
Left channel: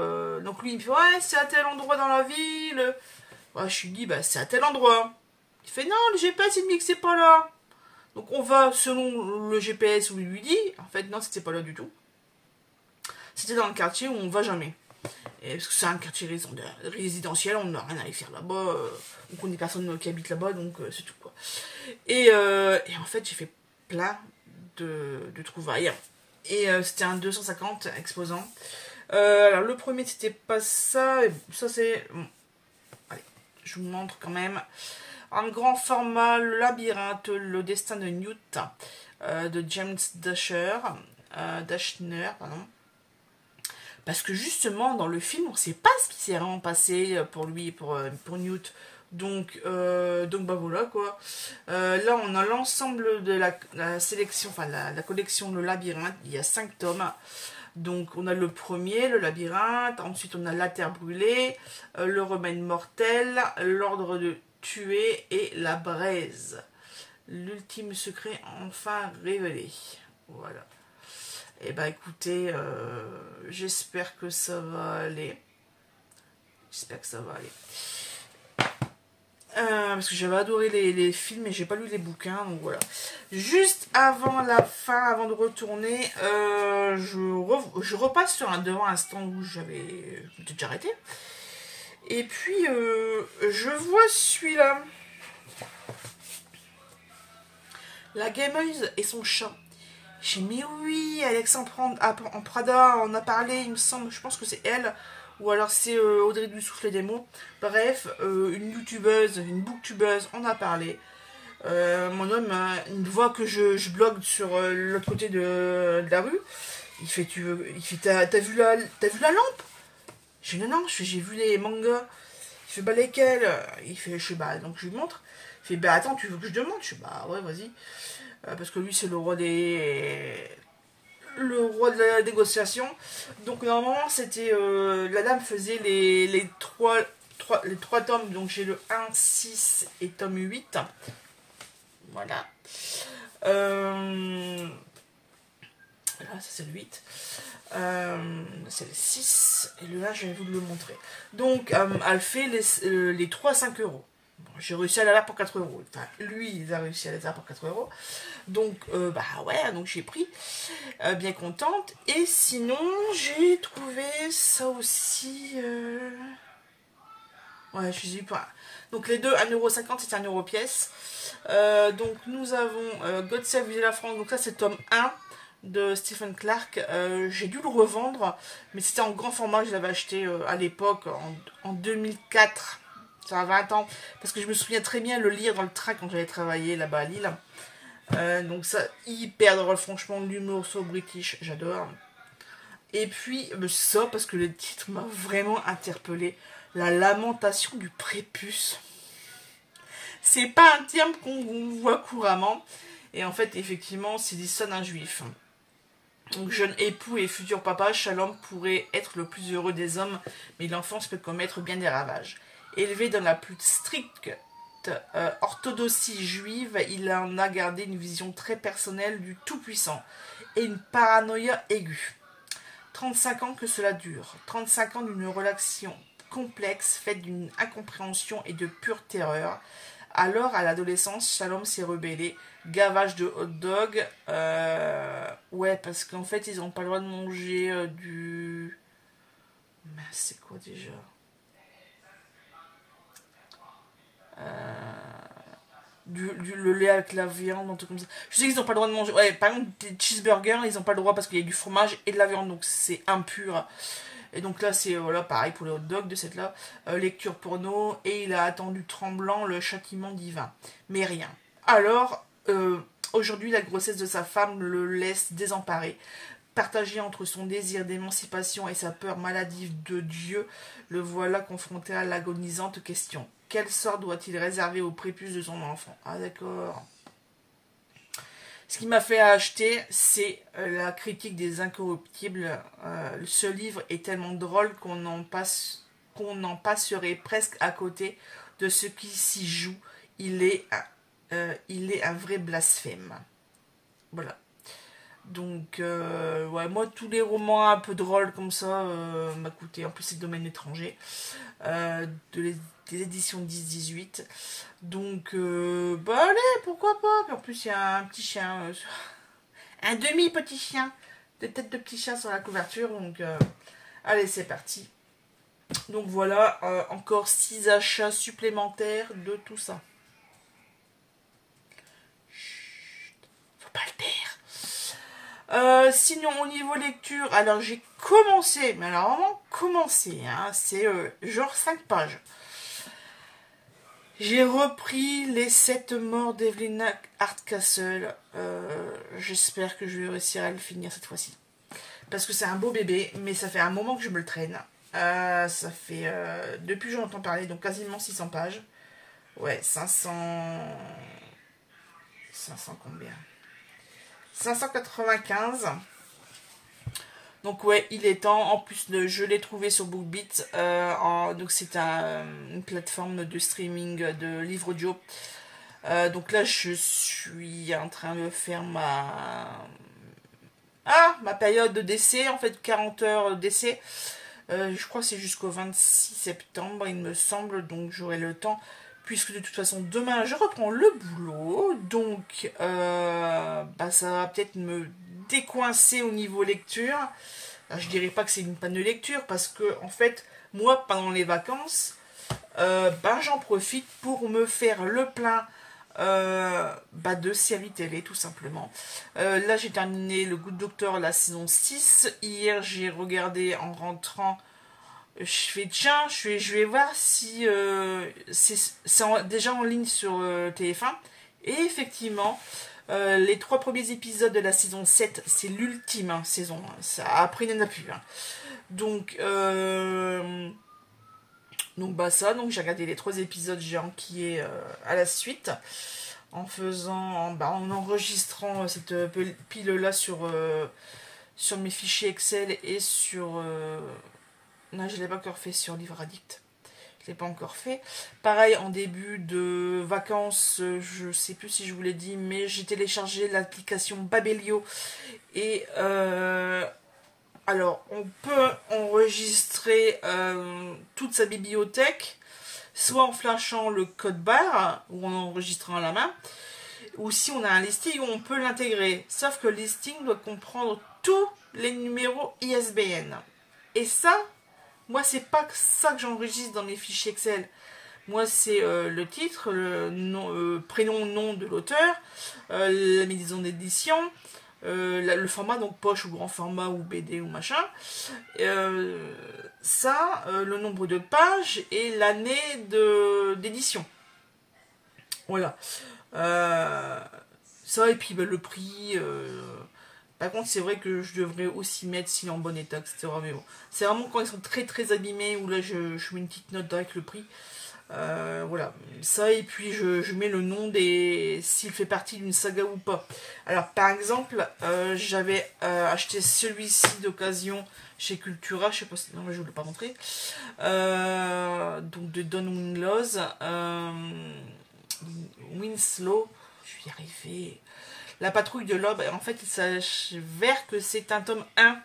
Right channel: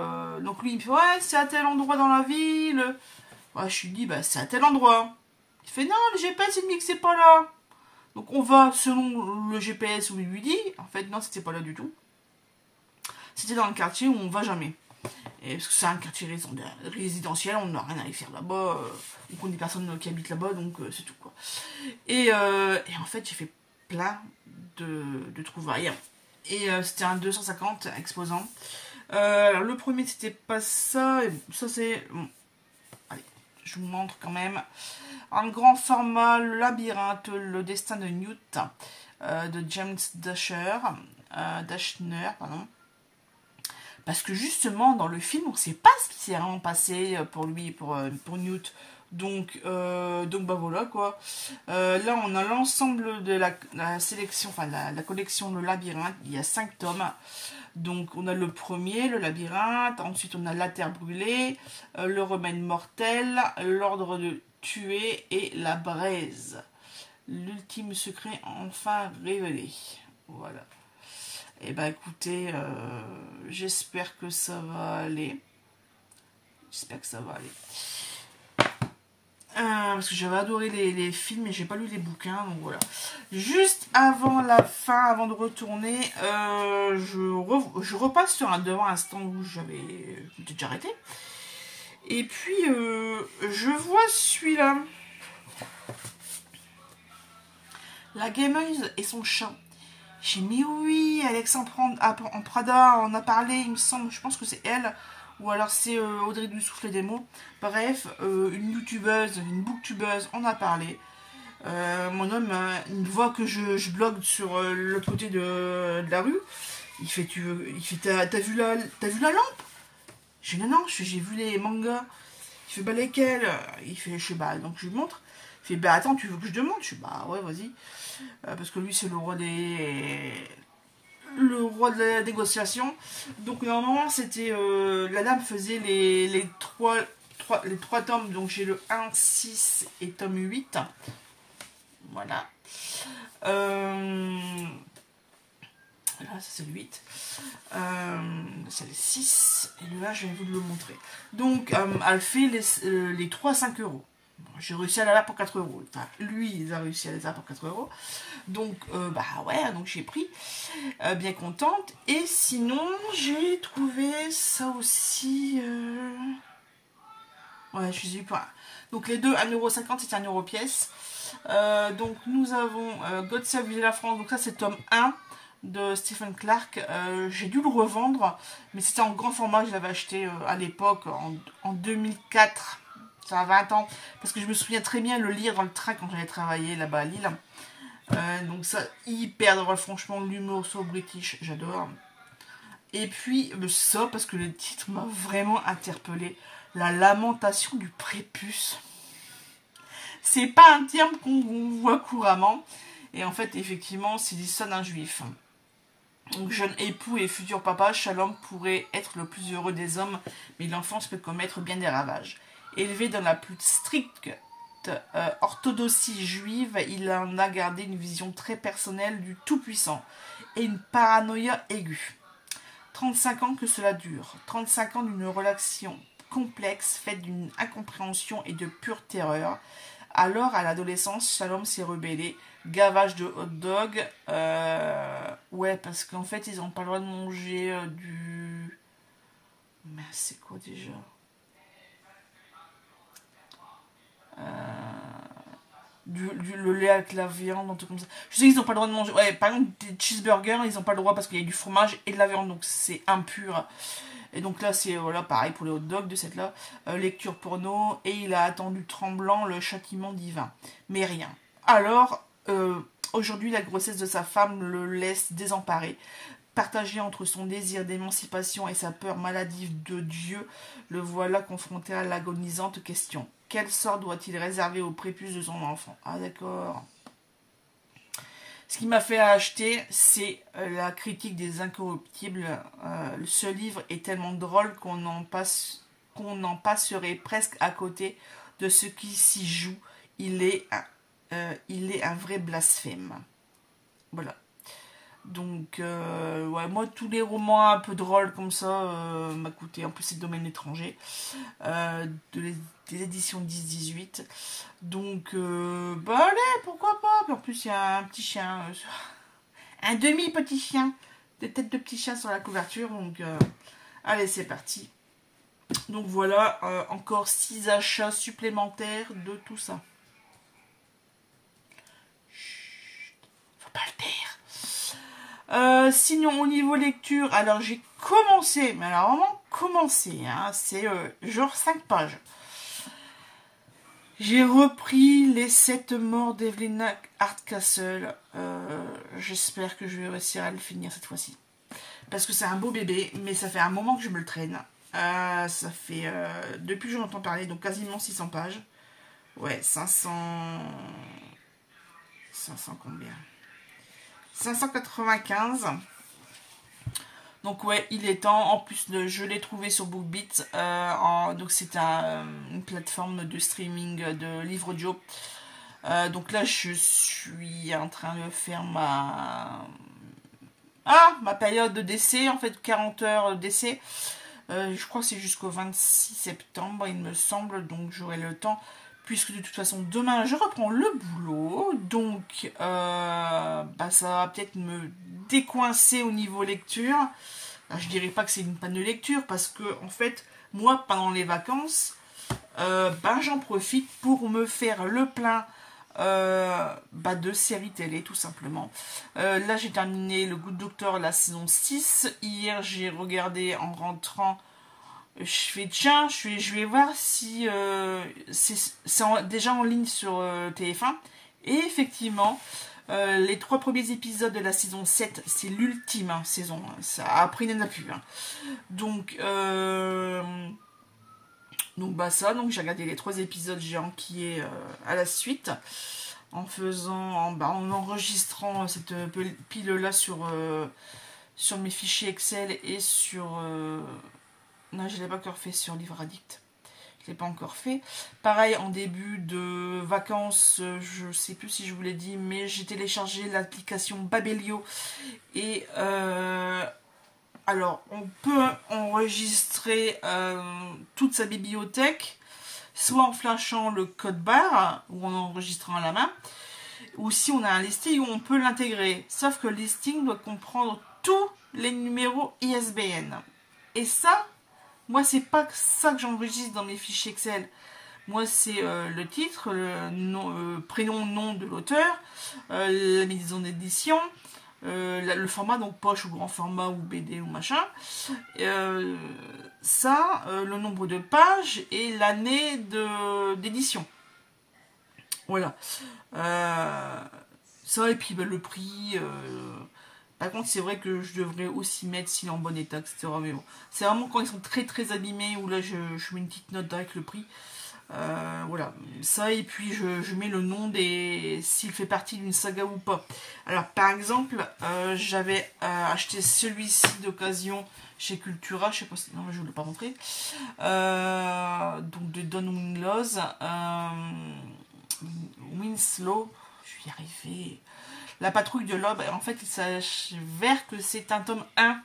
Donc lui, il me fait, ouais, c'est à tel endroit dans la ville. Ouais, je lui dis, bah, c'est à tel endroit. Il fait, non, le GPS, il me dit que c'est pas là. Donc on va selon le GPS où il lui dit. En fait, non, c'était pas là du tout. C'était dans le quartier où on va jamais. Et parce que c'est un quartier résidentiel, on n'a rien à y faire là-bas. On connaît personne qui habite là-bas, donc c'est tout quoi. Et en fait, j'ai fait plein de trouvailles. Et c'était un 250 exposant. Alors, le premier, c'était pas ça. Ça, c'est... Bon. Allez, je vous montre quand même. En grand format, le labyrinthe, le destin de Newt, de James Dashner, pardon. Parce que justement, dans le film, on ne sait pas ce qui s'est vraiment passé pour lui, pour Newt. Donc bah voilà quoi. Là, on a l'ensemble de la sélection, enfin la collection Le Labyrinthe. Il y a 5 tomes. Donc, on a le premier, le labyrinthe. Ensuite, on a la terre brûlée, le remède mortel, l'ordre de tuer et la braise. L'ultime secret enfin révélé. Voilà. Et bah écoutez, j'espère que ça va aller. J'espère que ça va aller. Parce que j'avais adoré les films et j'ai pas lu les bouquins, donc voilà. Juste avant la fin, avant de retourner, je repasse devant un stand où j'avais déjà arrêté. Et puis, je vois celui-là. La gameuse et son chat. J'ai dit, mais oui, Alexandre en Prada en a parlé, il me semble, je pense que c'est elle. Ou alors c'est Audrey du Souffle des mots. Bref, une youtubeuse, une booktubeuse en a parlé. Mon homme, il voit que je blogue sur l'autre côté de la rue. Il fait, t'as vu la lampe? J'ai dit, non, j'ai vu les mangas. Il fait, bah lesquels? Il fait, je sais, bah, donc je lui montre. Il fait, bah attends, tu veux que je demande? Je suis, bah ouais, vas-y. Parce que lui, c'est le roi de la négociation. Donc normalement c'était la dame faisait les trois tomes. Donc j'ai le 1, 6 et tome 8. Voilà. Là ça c'est le 8. C'est le 6 et le 1 j'avais voulu le montrer. Donc elle fait les 3 à 5 euros. Bon, j'ai réussi à l'avoir pour 4 euros. Enfin, lui, il a réussi à l'avoir pour 4 euros. Donc, bah ouais, donc j'ai pris. Bien contente. Et sinon, j'ai trouvé ça aussi. Ouais, je suis pas. Donc, les deux, 1,50 €, c'est 1 € pièce. Donc, nous avons God Save la France. Donc, ça, c'est tome 1 de Stephen Clark. J'ai dû le revendre, mais c'était en grand format. Je l'avais acheté à l'époque, en 2004. Ça a 20 ans. Parce que je me souviens très bien le lire dans le train quand j'avais travaillé là-bas à Lille. Donc ça, hyper drôle, franchement, l'humour sur British, j'adore. Et puis, ça, parce que le titre m'a vraiment interpellée. La lamentation du prépuce. C'est pas un terme qu'on voit couramment. Et en fait, effectivement, c'est l'histoire d'un juif. Donc, jeune époux et futur papa, Shalom pourrait être le plus heureux des hommes, mais l'enfance peut commettre bien des ravages. Élevé dans la plus stricte orthodoxie juive, il en a gardé une vision très personnelle du Tout-Puissant et une paranoïa aiguë. 35 ans que cela dure, 35 ans d'une relation complexe faite d'une incompréhension et de pure terreur. Alors, à l'adolescence, Shalom s'est rebellé, gavage de hot dog, ouais, parce qu'en fait, ils n'ont pas le droit de manger du... Mais c'est quoi déjà? Le lait avec la viande, un truc comme ça. Je sais qu'ils n'ont pas le droit de manger. Ouais, par exemple, des cheeseburgers, ils n'ont pas le droit parce qu'il y a du fromage et de la viande, donc c'est impur. Et donc là, c'est voilà, pareil pour les hot dogs de cette là. Lecture porno, et il a attendu tremblant le châtiment divin. Mais rien. Alors, aujourd'hui, la grossesse de sa femme le laisse désemparé. Partagé entre son désir d'émancipation et sa peur maladive de Dieu, le voilà confronté à l'agonisante question. Quel sort doit-il réserver au prépuce de son enfant? Ah d'accord. Ce qui m'a fait acheter, c'est la critique des incorruptibles. Ce livre est tellement drôle qu'on en passerait presque à côté de ce qui s'y joue. Il est un vrai blasphème. Voilà. Donc, ouais, moi, tous les romans un peu drôles comme ça m'a coûté. En plus, c'est de domaine étranger. Des éditions 10-18. Donc, bah allez, pourquoi pas. Puis en plus, il y a un petit chien. Un demi-petit chien. Des têtes de petit chien sur la couverture. Donc, allez, c'est parti. Donc voilà, encore 6 achats supplémentaires de tout ça. Chut, faut pas le dire. Sinon, au niveau lecture, alors j'ai commencé, mais alors vraiment commencé, hein, c'est genre 5 pages. J'ai repris les 7 morts d'Evelyn Hardcastle. J'espère que je vais réussir à le finir cette fois-ci. Parce que c'est un beau bébé, mais ça fait un moment que je me le traîne. Ça fait, depuis que j'en entends parler, donc quasiment 600 pages. Ouais, 500 combien 595. Donc ouais, il est temps. En plus, je l'ai trouvé sur BookBeat. Donc c'est une plateforme de streaming de livres audio. Donc là, je suis en train de faire ma période d'essai. En fait, 40 heures d'essai. Je crois que c'est jusqu'au 26 septembre, il me semble. Donc j'aurai le temps. Puisque de toute façon, demain, je reprends le boulot. Donc, ça va peut-être me décoincer au niveau lecture. Alors, je dirais pas que c'est une panne de lecture. Parce que, en fait, moi, pendant les vacances, j'en profite pour me faire le plein de séries télé, tout simplement. Là, j'ai terminé Le Good Doctor, la saison 6. Hier, j'ai regardé en rentrant... Je fais tiens, je vais voir si c'est déjà en ligne sur TF1. Et effectivement, les 3 premiers épisodes de la saison 7, c'est l'ultime saison. Ça, après, il n'y en a plus. Donc, donc j'ai regardé les 3 épisodes, j'ai enquillé à la suite. En enregistrant cette pile-là sur mes fichiers Excel et sur... non, je ne l'ai pas encore fait sur Livre Addict. Je ne l'ai pas encore fait. Pareil, en début de vacances, je ne sais plus si je vous l'ai dit, mais j'ai téléchargé l'application Babelio. Et alors, on peut enregistrer toute sa bibliothèque, soit en flashant le code barre, ou en enregistrant à la main, ou si on a un listing, on peut l'intégrer. Sauf que le listing doit comprendre tous les numéros ISBN. Et ça... moi, c'est pas ça que j'enregistre dans mes fichiers Excel. Moi, c'est le titre, le nom, prénom, nom de l'auteur, la maison d'édition, le format, donc poche ou grand format ou BD ou machin. Le nombre de pages et l'année d'édition. Voilà. Ça, et puis le prix... par contre, c'est vrai que je devrais aussi mettre s'il est en bon état, etc. Mais bon, c'est vraiment quand ils sont très très abîmés où là je mets une petite note avec le prix. Voilà, ça, et puis je mets le nom s'il fait partie d'une saga ou pas. Alors par exemple, j'avais acheté celui-ci d'occasion chez Cultura, je sais pas si... non, je ne l'ai pas montré. Donc de Don Winslow, je vais y arriver. La patrouille de l'aube, en fait, il s'avère que c'est un tome 1.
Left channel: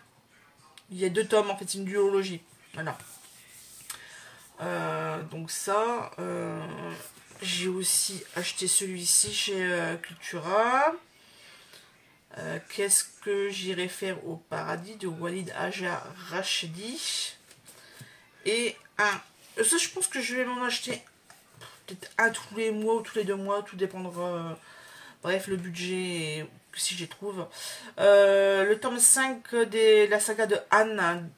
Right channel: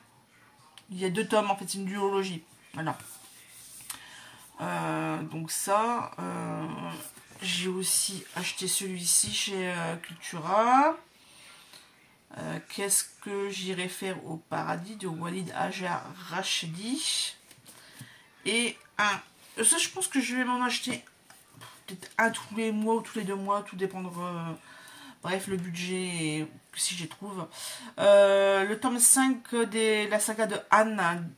Il y a 2 tomes, en fait, c'est une duologie. Voilà. Donc ça, j'ai aussi acheté celui-ci chez Cultura. Qu'est-ce que j'irai faire au paradis de Walid Hajar Rachedi. Et ça, je pense que je vais m'en acheter peut-être un tous les mois ou tous les 2 mois, tout dépendra... bref, le budget, si j'y trouve. Le tome 5 de la saga de Anne,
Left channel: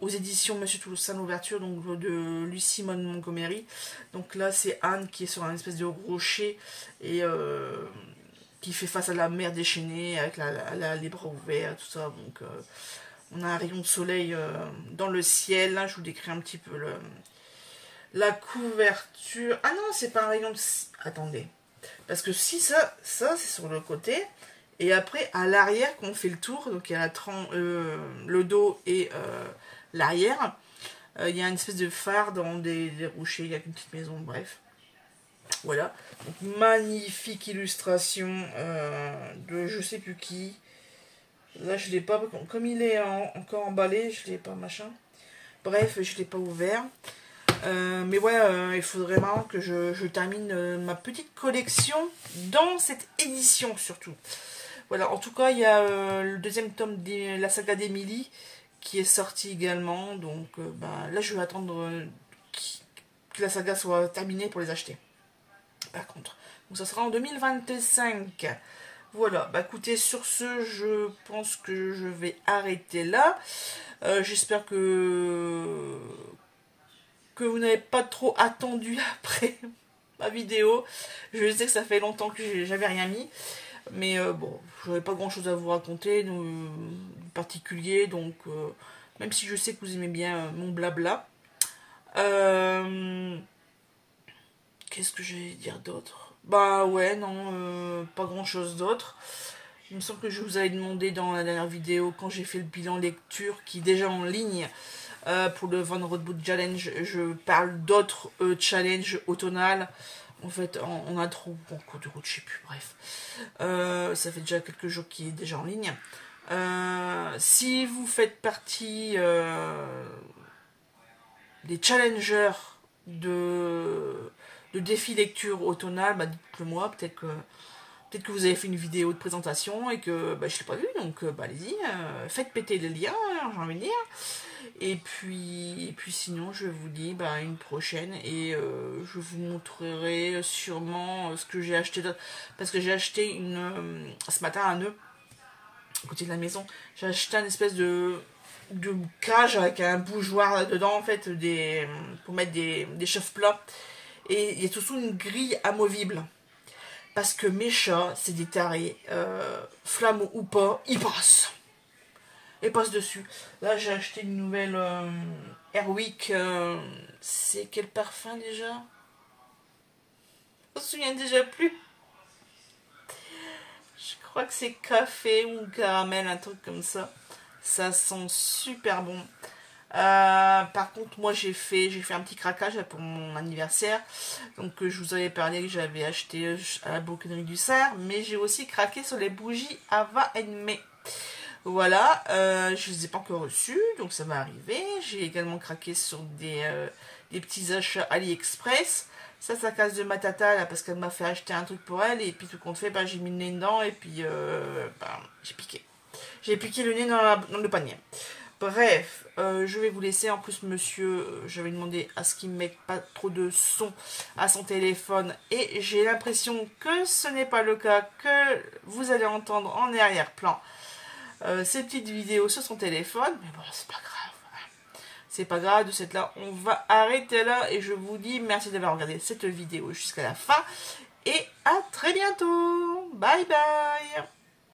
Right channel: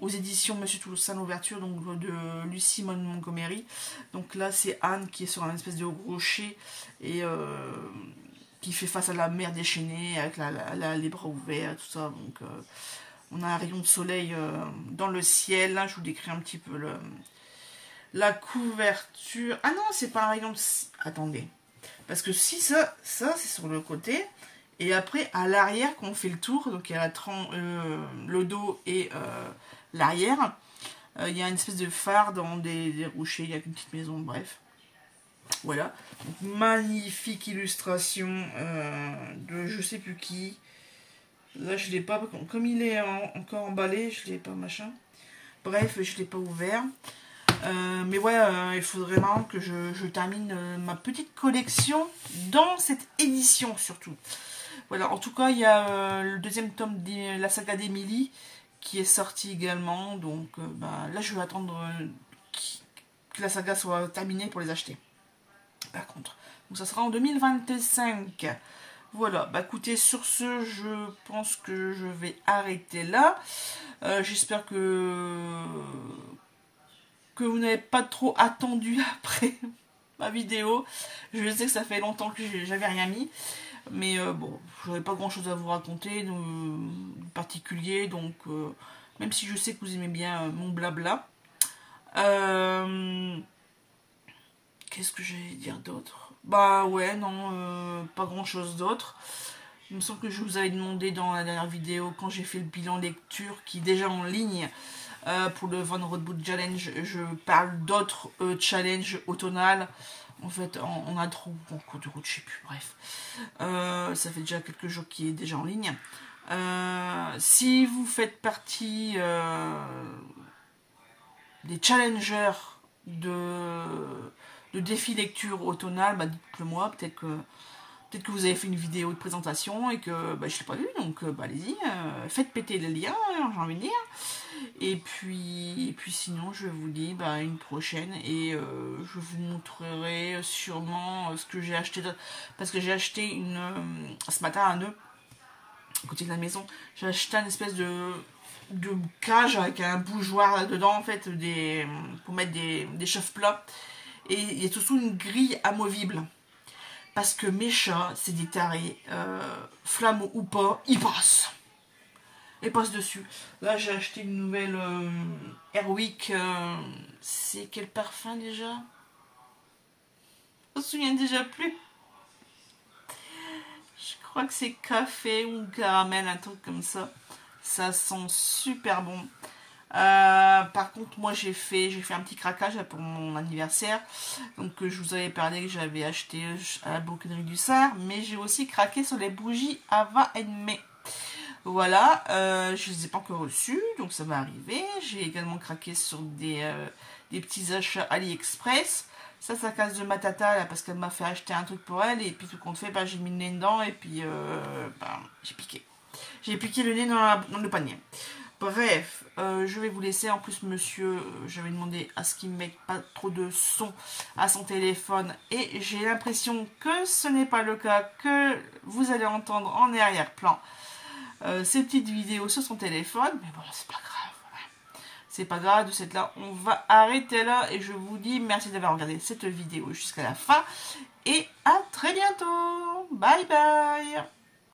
aux éditions Monsieur Toussaint l'ouverture, donc de Lucie Montgomery. Donc là, c'est Anne qui est sur un espèce de rocher et qui fait face à la mer déchaînée avec les bras ouverts, tout ça. Donc, on a un rayon de soleil dans le ciel. Là, je vous décris un petit peu la couverture. Ah non, c'est pas un rayon de... attendez. Parce que si ça c'est sur le côté. Et après, à l'arrière, quand on fait le tour, donc il y a le dos et l'arrière, il y a une espèce de phare dans des rochers, il y a une petite maison, bref. Voilà. Donc, magnifique illustration de je sais plus qui. Là, je l'ai pas, comme il est encore emballé, je l'ai pas machin. Bref, je l'ai pas ouvert. Mais ouais, il faudrait vraiment que je termine ma petite collection dans cette édition surtout. Voilà, en tout cas, il y a le deuxième tome de la saga d'Emily qui est sorti également. Donc bah, là, je vais attendre que la saga soit terminée pour les acheter. Par contre, donc ça sera en 2025. Voilà, bah écoutez, sur ce, je pense que je vais arrêter là. J'espère que vous n'avez pas trop attendu après ma vidéo. Je sais que ça fait longtemps que j'avais rien mis. Mais bon, j'avais pas grand chose à vous raconter de particulier. Donc, même si je sais que vous aimez bien mon blabla. Qu'est-ce que je vais dire d'autre? Bah ouais, non, pas grand chose d'autre. Il me semble que je vous avais demandé dans la dernière vidéo, quand j'ai fait le bilan lecture, qui est déjà en ligne, pour le Von Roadbook Challenge, je parle d'autres challenges automnales. En fait, on a trop en cours de route, je sais plus, bref. Ça fait déjà quelques jours qu'il est déjà en ligne. Si vous faites partie des challengers de défi lecture automnale, bah dites-le moi, peut-être que vous avez fait une vidéo de présentation et que bah, je ne l'ai pas vu, donc bah, allez-y, faites péter les liens, j'ai envie de dire. Et puis sinon, je vous dis bah, une prochaine et je vous montrerai sûrement ce que j'ai acheté. Parce que j'ai acheté ce matin un nœud à côté de la maison. J'ai acheté une espèce de cage avec un bougeoir là-dedans, en fait, pour mettre des chauffe-plats. Et il y a surtout une grille amovible. Parce que mes chats, c'est des tarés. Flamme ou pas, ils passent. Et passe dessus. Là, j'ai acheté une nouvelle Airwick. C'est quel parfum déjà? On se souvient déjà plus. Je crois que c'est café ou caramel, un truc comme ça. Ça sent super bon. Par contre, moi, j'ai fait un petit craquage pour mon anniversaire. Donc, je vous avais parlé que j'avais acheté à la Bouquinerie du Sar. Mais j'ai aussi craqué sur les bougies Ava May. Voilà, je ne les ai pas encore reçus, donc ça va arriver. J'ai également craqué sur des petits achats AliExpress. Ça casse de ma tata, là, parce qu'elle m'a fait acheter un truc pour elle. Et puis tout compte fait, bah, j'ai mis le nez dedans et puis bah, j'ai piqué. J'ai piqué le nez dans le panier. Bref, je vais vous laisser. En plus, monsieur, j'avais demandé à ce qu'il ne mette pas trop de son à son téléphone. Et j'ai l'impression que ce n'est pas le cas, que vous allez entendre en arrière-plan ces petites vidéos sur son téléphone, mais bon, c'est pas grave. C'est pas grave de cette là. On va arrêter là et je vous dis merci d'avoir regardé cette vidéo jusqu'à la fin et à très bientôt. Bye bye.